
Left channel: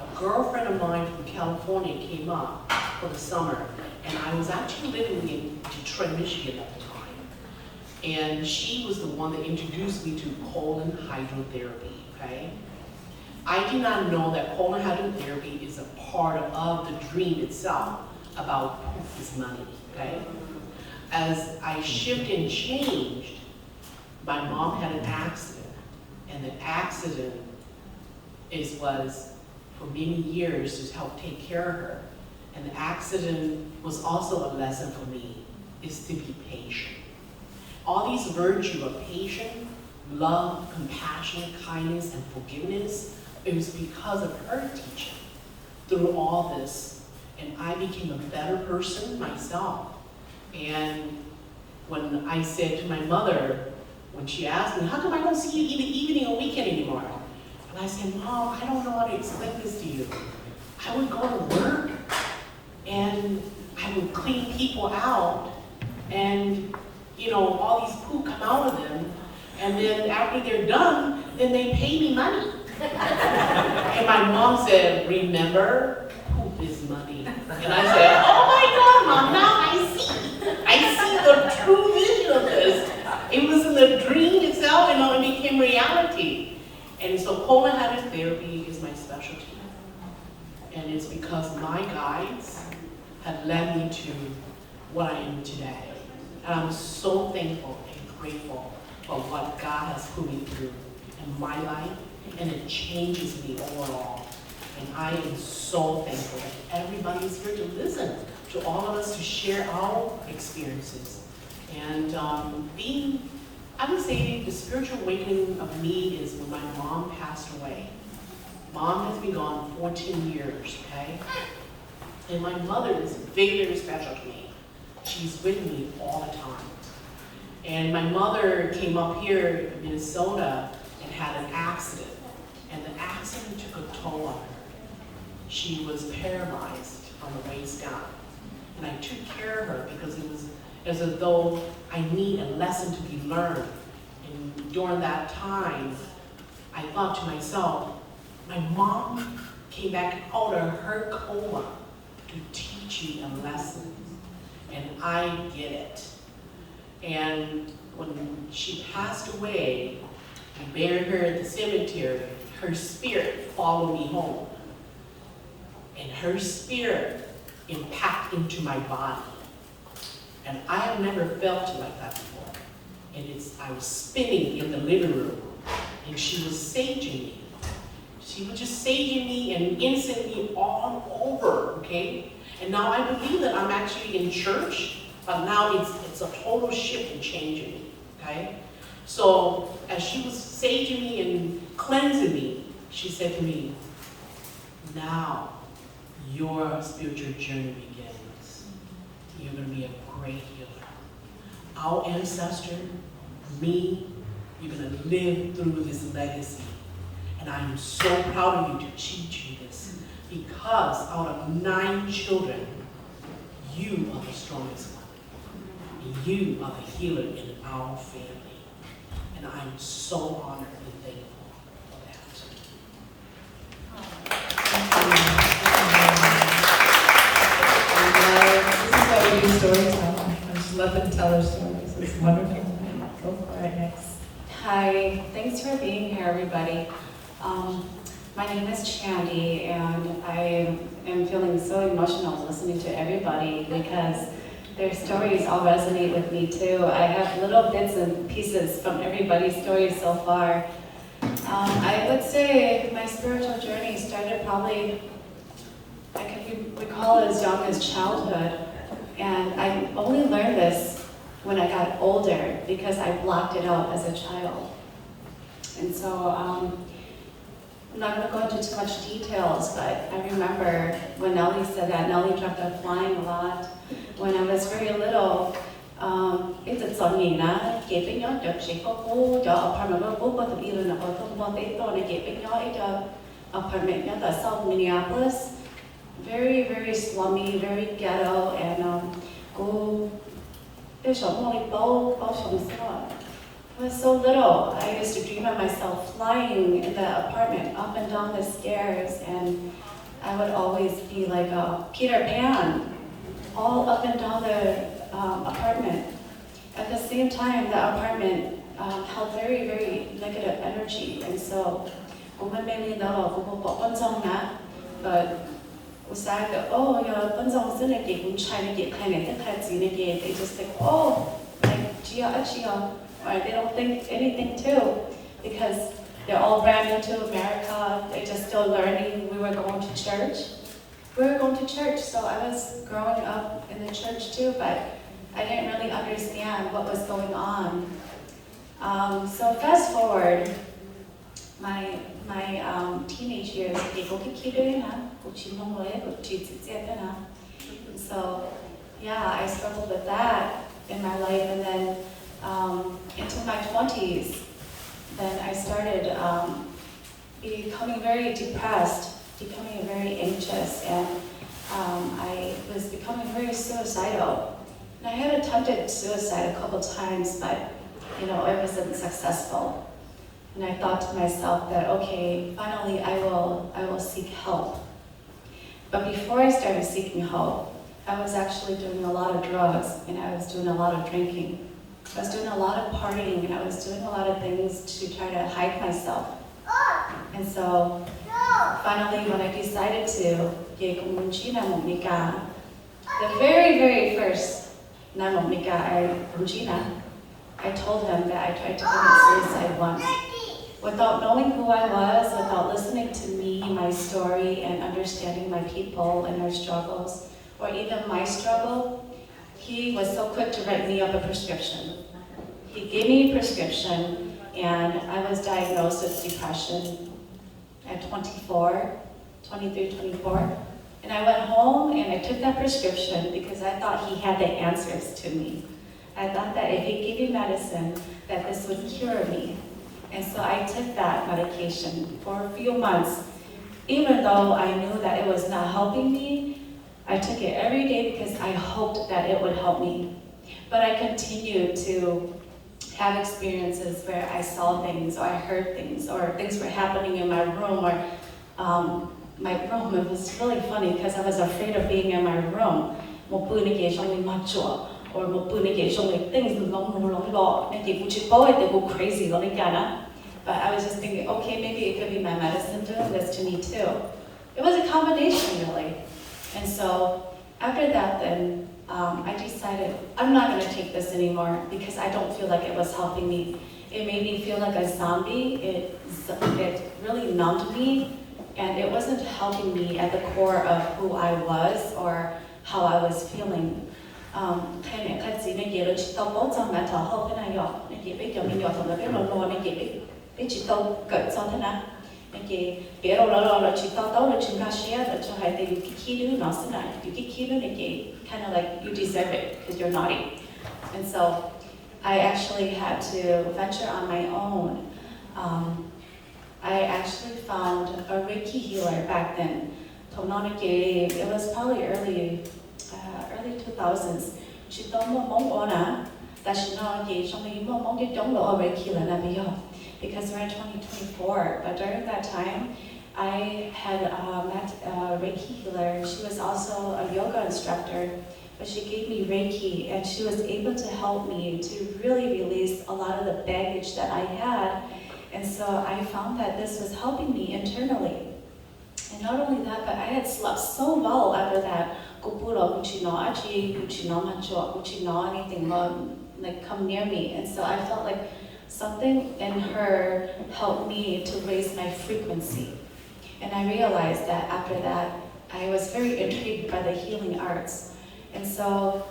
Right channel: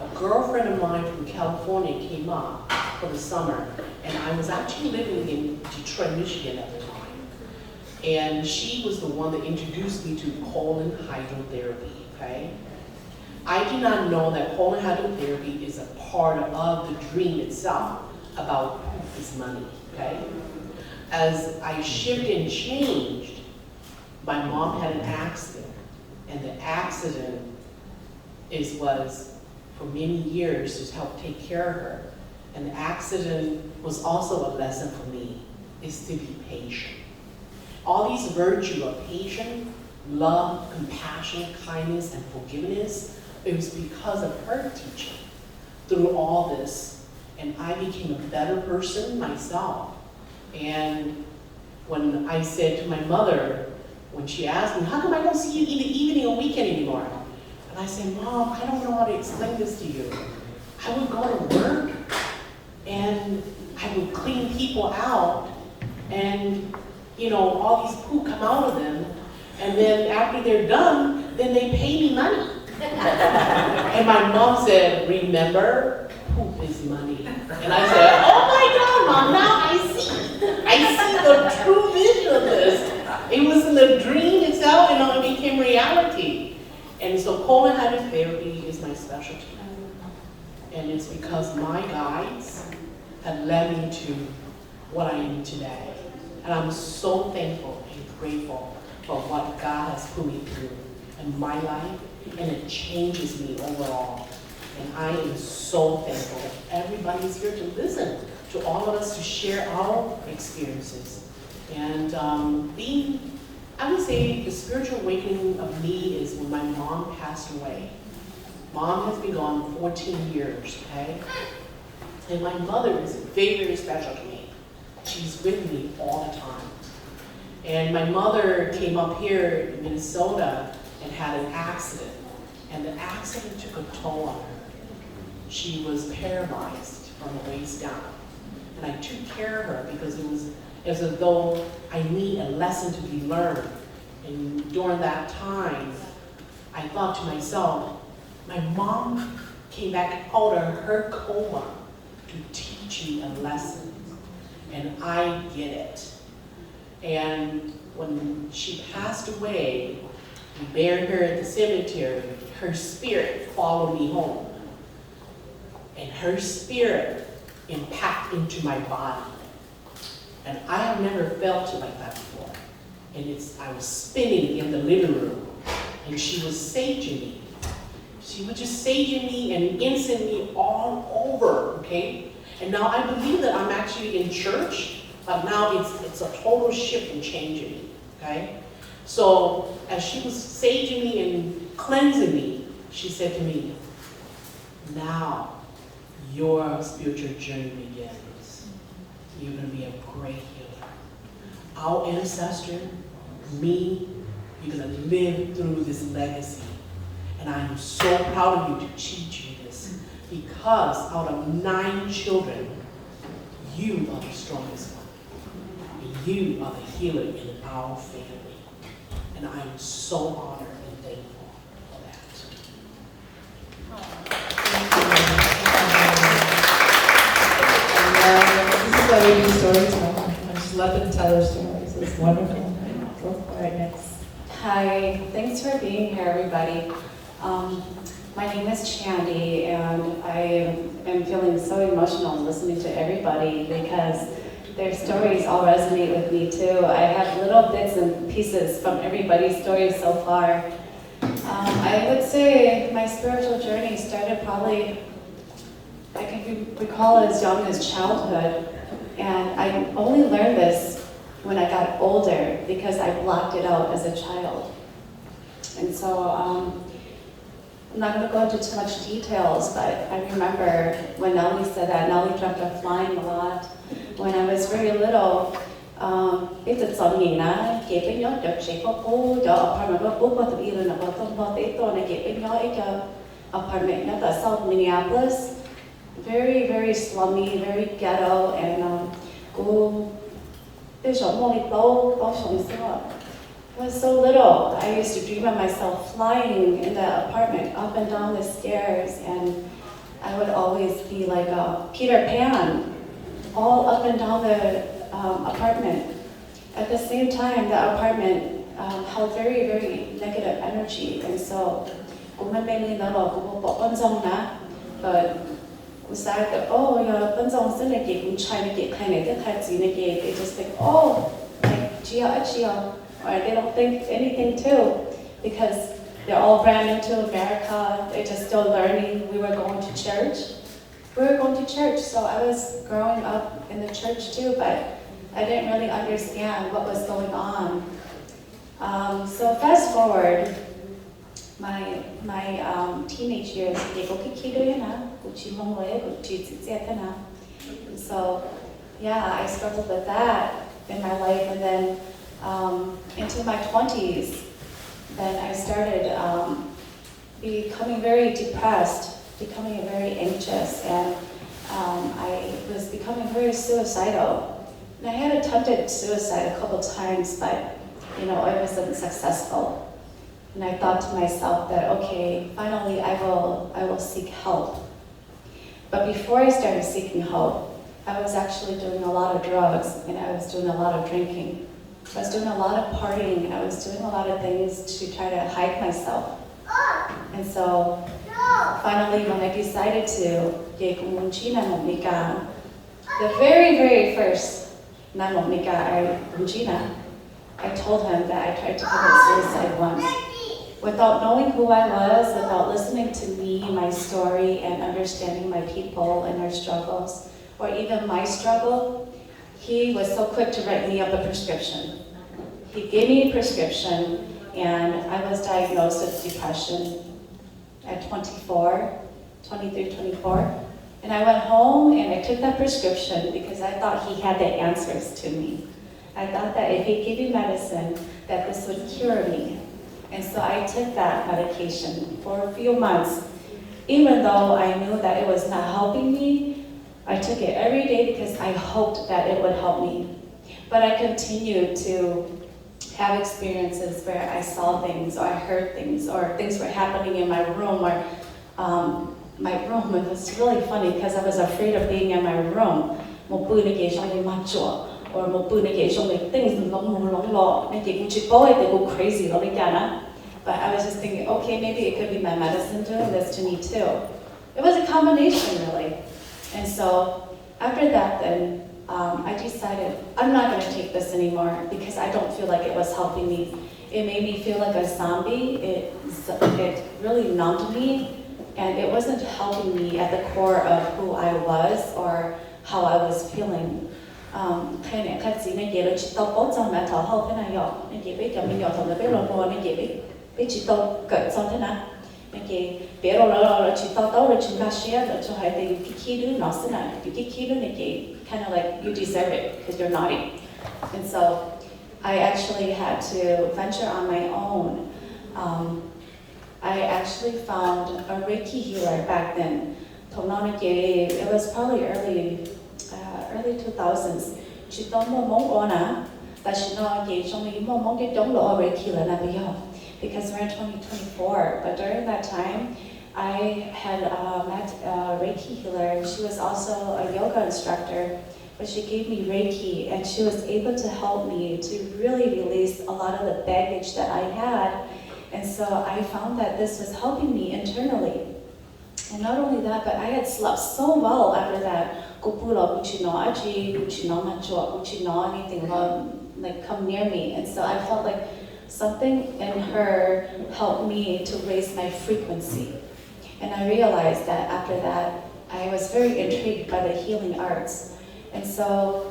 a girlfriend of mine from California came up for the summer. And I was actually living in Detroit, Michigan at the time. And she was the one that introduced me to colon hydrotherapy, okay? I did not know that colon hydrotherapy is a part of the dream itself about proof is money, okay? As I shifted and changed, my mom had an accident, and the accident was for many years to help take care of her. And the accident was also a lesson for me, is to be patient. All these virtues of patience, love, compassion, kindness, and forgiveness, it was because of her teaching through all this. And I became a better person myself. And when I said to my mother, when she asked me, how come I don't see you in the evening or weekend anymore? And I said, Mom, I don't know how to explain this to you. I would go to work and I would clean people out and, you know, all these poo come out of them. And then after they're done, then they pay me money. And my mom said, remember, poop is money. And I said, oh my God, Mom, now I see the true vision of this. It was in the dream itself, and it became reality. And so colon hydrotherapy is my specialty. And it's because my guides have led me to what I am today. And I'm so thankful and grateful for what God has put me through in my life, and it changes me overall. And I am so thankful that everybody is here to listen to all of us, to share our experiences. And I would say the spiritual awakening of me is when my mom passed away. Mom has been gone 14 years, okay? And my mother is very, very special to me. She's with me all the time. And my mother came up here in Minnesota and had an accident. And the accident took a toll on her. She was paralyzed from the waist down. And I took care of her because it was as though I need a lesson to be learned. And during that time, I thought to myself, my mom came back out of her coma to teach me a lesson. And I get it. And when she passed away, we buried her at the cemetery. Her spirit followed me home. And her spirit impacted into my body. And I have never felt it like that before. And I was spinning in the living room, and she was saging me. She was just saging me and incensing me all over, okay? And now I believe that I'm actually in church, but now it's a total shift and changing, okay? So as she was saging me and cleansing me, she said to me, now your spiritual journey begins. You're going to be a great healer. Our ancestor, me, you're going to live through this legacy. And I am so proud of you to teach you this, because out of 9 children, you are the strongest one. And you are the healer in our family. And I am so honored and thankful for that. This is why we do storytelling. I just let them tell their stories. It's wonderful. Go for it next. Hi, thanks for being here, everybody. My name is Chandy, and I am feeling so emotional listening to everybody because their stories all resonate with me too. I have little bits and pieces from everybody's stories so far. I would say my spiritual journey started probably, I can recall as young as childhood, and I only learned this when I got older because I blocked it out as a child. And so I'm not going to go into too much details, but I remember when Nellie said that, Nellie dreamt of flying a lot. When I was very little, it's a song na keeping your Dutch apartment apartment in South Minneapolis. very, very slummy, very ghetto, and go. I was so little. I used to dream of myself flying in the apartment up and down the stairs, and I would always be like a Peter Pan, all up and down the apartment. At the same time, the apartment held very, very negative energy, and so but beside the they just think, oh, or they don't think anything too, because they're all brand new to America, they're just still learning. We were going to church. So I was growing up in the church too, but I didn't really understand what was going on. So fast forward, my teenage years, so yeah, I struggled with that in my life, and then into my 20s, then I started becoming very depressed, becoming very anxious, and I was becoming very suicidal. And I had attempted suicide a couple times, but it wasn't successful. And I thought to myself that, okay, finally I will seek help. But before I started seeking help, I was actually doing a lot of drugs, and I was doing a lot of drinking. I was doing a lot of partying, and I was doing a lot of things to try to hide myself. And so finally, when I decided to, the very, very first I told him that I tried to commit suicide once. Without knowing who I was, without listening to me, my story, and understanding my people and their struggles, or even my struggle, he was so quick to write me up a prescription. He gave me a prescription, and I was diagnosed with depression at 24. And I went home and I took that prescription because I thought he had the answers to me. I thought that if he gave me medicine, that this would cure me. And so I took that medication for a few months. Even though I knew that it was not helping me, I took it every day because I hoped that it would help me. But I continued to have experiences where I saw things, or I heard things, or things were happening in my room, or my room. It was really funny because I was afraid of being in my room. Or things they go crazy. But I was just thinking, okay, maybe it could be my medicine doing this to me too. It was a combination, really. And so after that, then I decided I'm not going to take this anymore because I don't feel like it was helping me. It made me feel like a zombie. It really numbed me, and it wasn't helping me at the core of who I was or how I was feeling. Kind of like you deserve it because you're naughty. And so I actually had to venture on my own. I actually found a Reiki healer back then. It was probably early 2000s. Because we're in 2024. But during that time, I had met a Reiki healer. She was also a yoga instructor, but she gave me Reiki, and she was able to help me to really release a lot of the baggage that I had. And so I found that this was helping me internally. And not only that, but I had slept so well after that. Anything like come near me. And so I felt like something in her helped me to raise my frequency. And I realized that after that, I was very intrigued by the healing arts. And so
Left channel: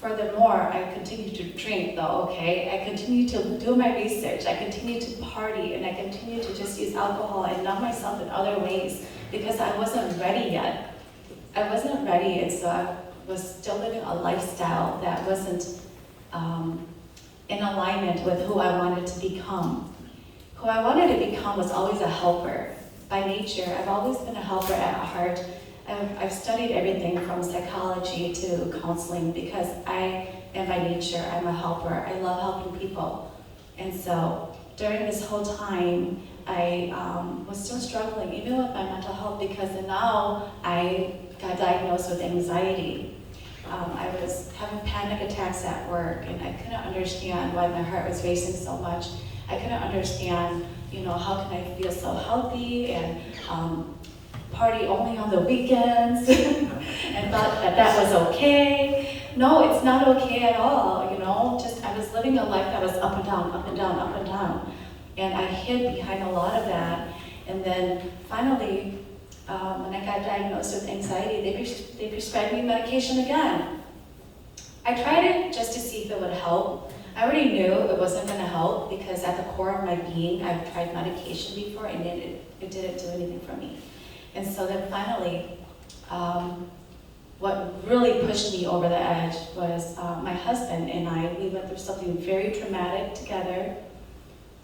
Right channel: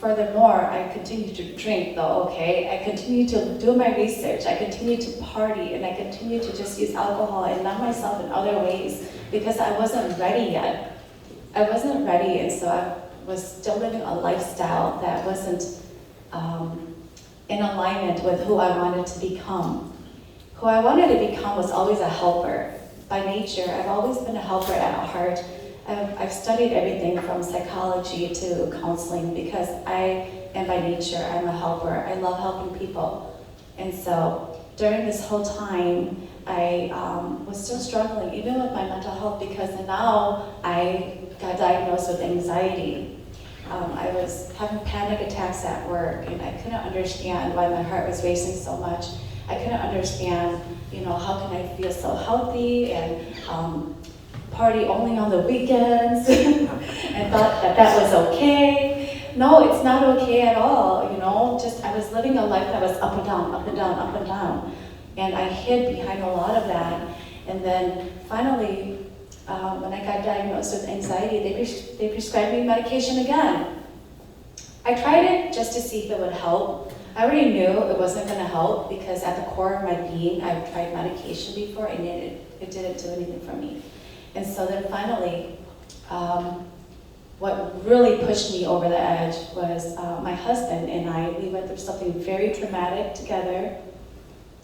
furthermore, I continued to drink though, okay? I continued to do my research, I continued to party, and I continued to just use alcohol and numb myself in other ways because I wasn't ready yet. I wasn't ready, and so I was still living a lifestyle that wasn't in alignment with who I wanted to become. Who I wanted to become was always a helper. By nature, I've always been a helper at heart. I've studied everything from psychology to counseling because I am by nature, I'm a helper. I love helping people. And so during this whole time, I was still struggling, even with my mental health, because now I got diagnosed with anxiety. I was having panic attacks at work, and I couldn't understand why my heart was racing so much. I couldn't understand, how can I feel so healthy and party only on the weekends and thought that was okay. No, it's not okay at all, just I was living a life that was up and down, up and down, up and down. And I hid behind a lot of that. And then finally, when I got diagnosed with anxiety, they prescribed me medication again. I tried it just to see if it would help. I already knew it wasn't going to help because at the core of my being, I've tried medication before and it didn't do anything for me. And so then finally, what really pushed me over the edge was my husband and I, we went through something very traumatic together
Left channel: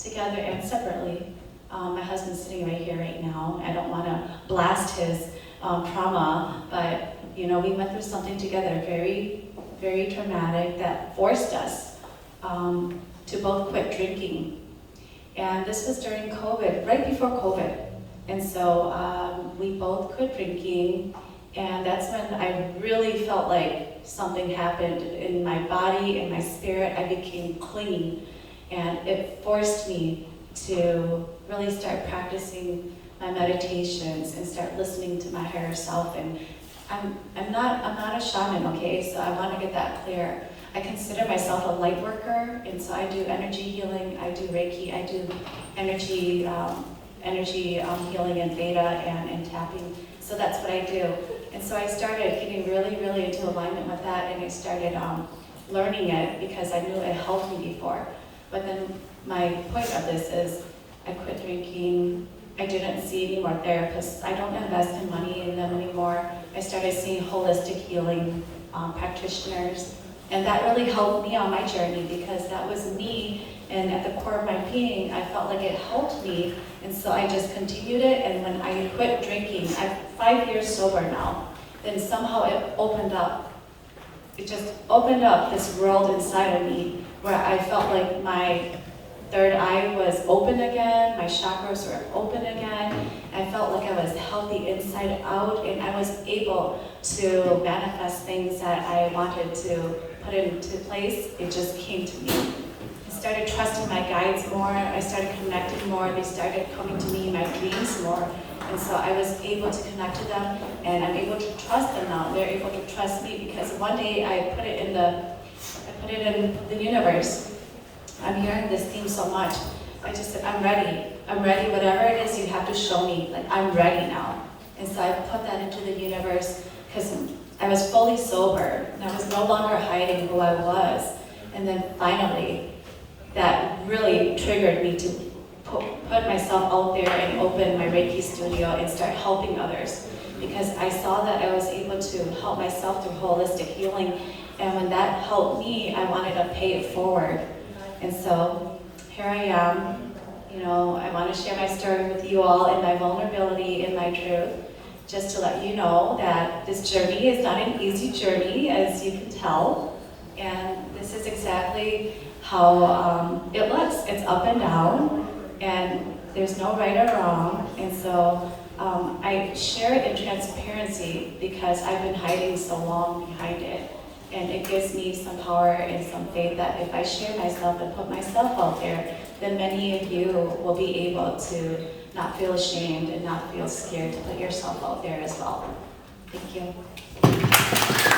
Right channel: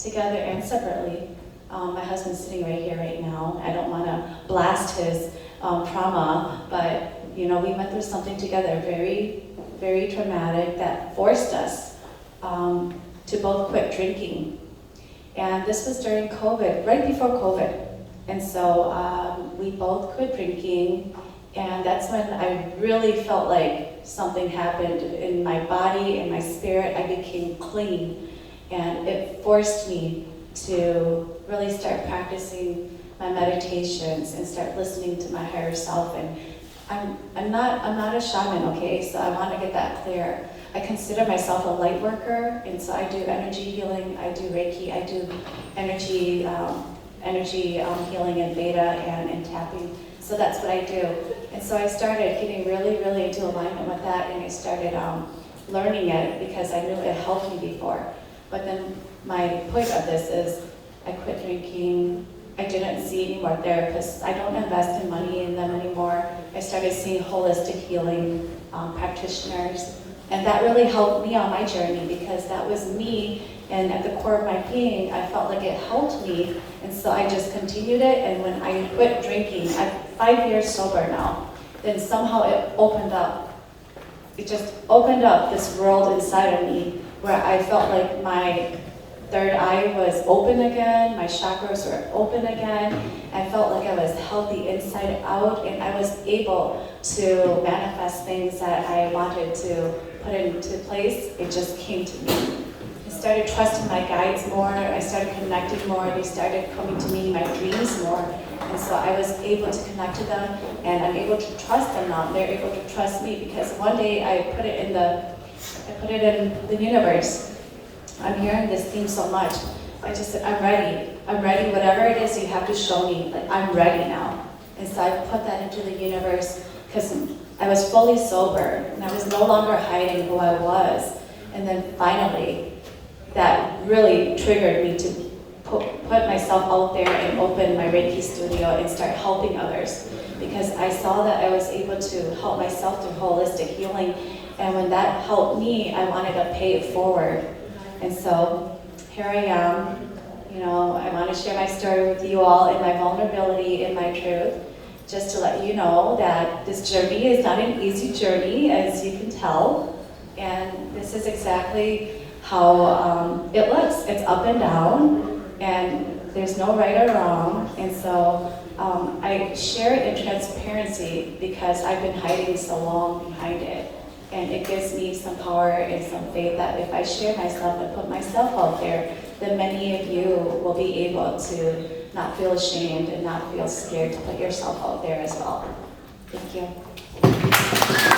and separately. My husband's sitting right here right now. I don't want to blast his trauma, but we went through something together very, very traumatic that forced us to both quit drinking. And this was during COVID, right before COVID. And so we both quit drinking, and that's when I really felt like something happened in my body and my spirit. I became clean, and it forced me to really start practicing my meditations and start listening to my higher self. And I'm not a shaman, okay? So I want to get that clear. I consider myself a light worker, and so I do energy healing, I do Reiki, I do energy healing and Veda and tapping. So that's what I do. And so I started getting really, really into alignment with that, and I started learning it because I knew it helped me before. But then my point of this is I quit drinking. I didn't see any more therapists. I don't invest in money in them anymore. I started seeing holistic healing practitioners. And that really helped me on my journey because that was me, and at the core of my being, I felt like it helped me, and so I just continued it. And when I quit drinking, I'm 5 years sober now, then somehow it opened up. It just opened up this world inside of me where I felt like my third eye was open again, my chakras were open again. I felt like I was healthy inside out, and I was able to manifest things that I wanted to put into place. It just came to me. I started trusting my guides more, I started connecting more, they started coming to me in my dreams more. And so I was able to connect to them, and I'm able to trust them now. They're able to trust me because one day I put it in the universe. I'm hearing this theme so much. I just said, I'm ready, whatever it is you have to show me, like I'm ready now. And so I put that into the universe because I was fully sober and I was no longer hiding who I was. And then finally, that really triggered me to put myself out there and open my Reiki studio and start helping others. Because I saw that I was able to help myself through holistic healing. And when that helped me, I wanted to pay it forward. And so here I am. I want to share my story with you all and my vulnerability and my truth, just to let you know that this journey is not an easy journey, as you can tell. And this is exactly how it looks. It's up and down, and there's no right or wrong. And so I share it in transparency because I've been hiding so long behind it. And it gives me some power and some faith that if I share myself and put myself out there, then many of you will be able to not feel ashamed and not feel scared to put yourself out there as well. Thank you.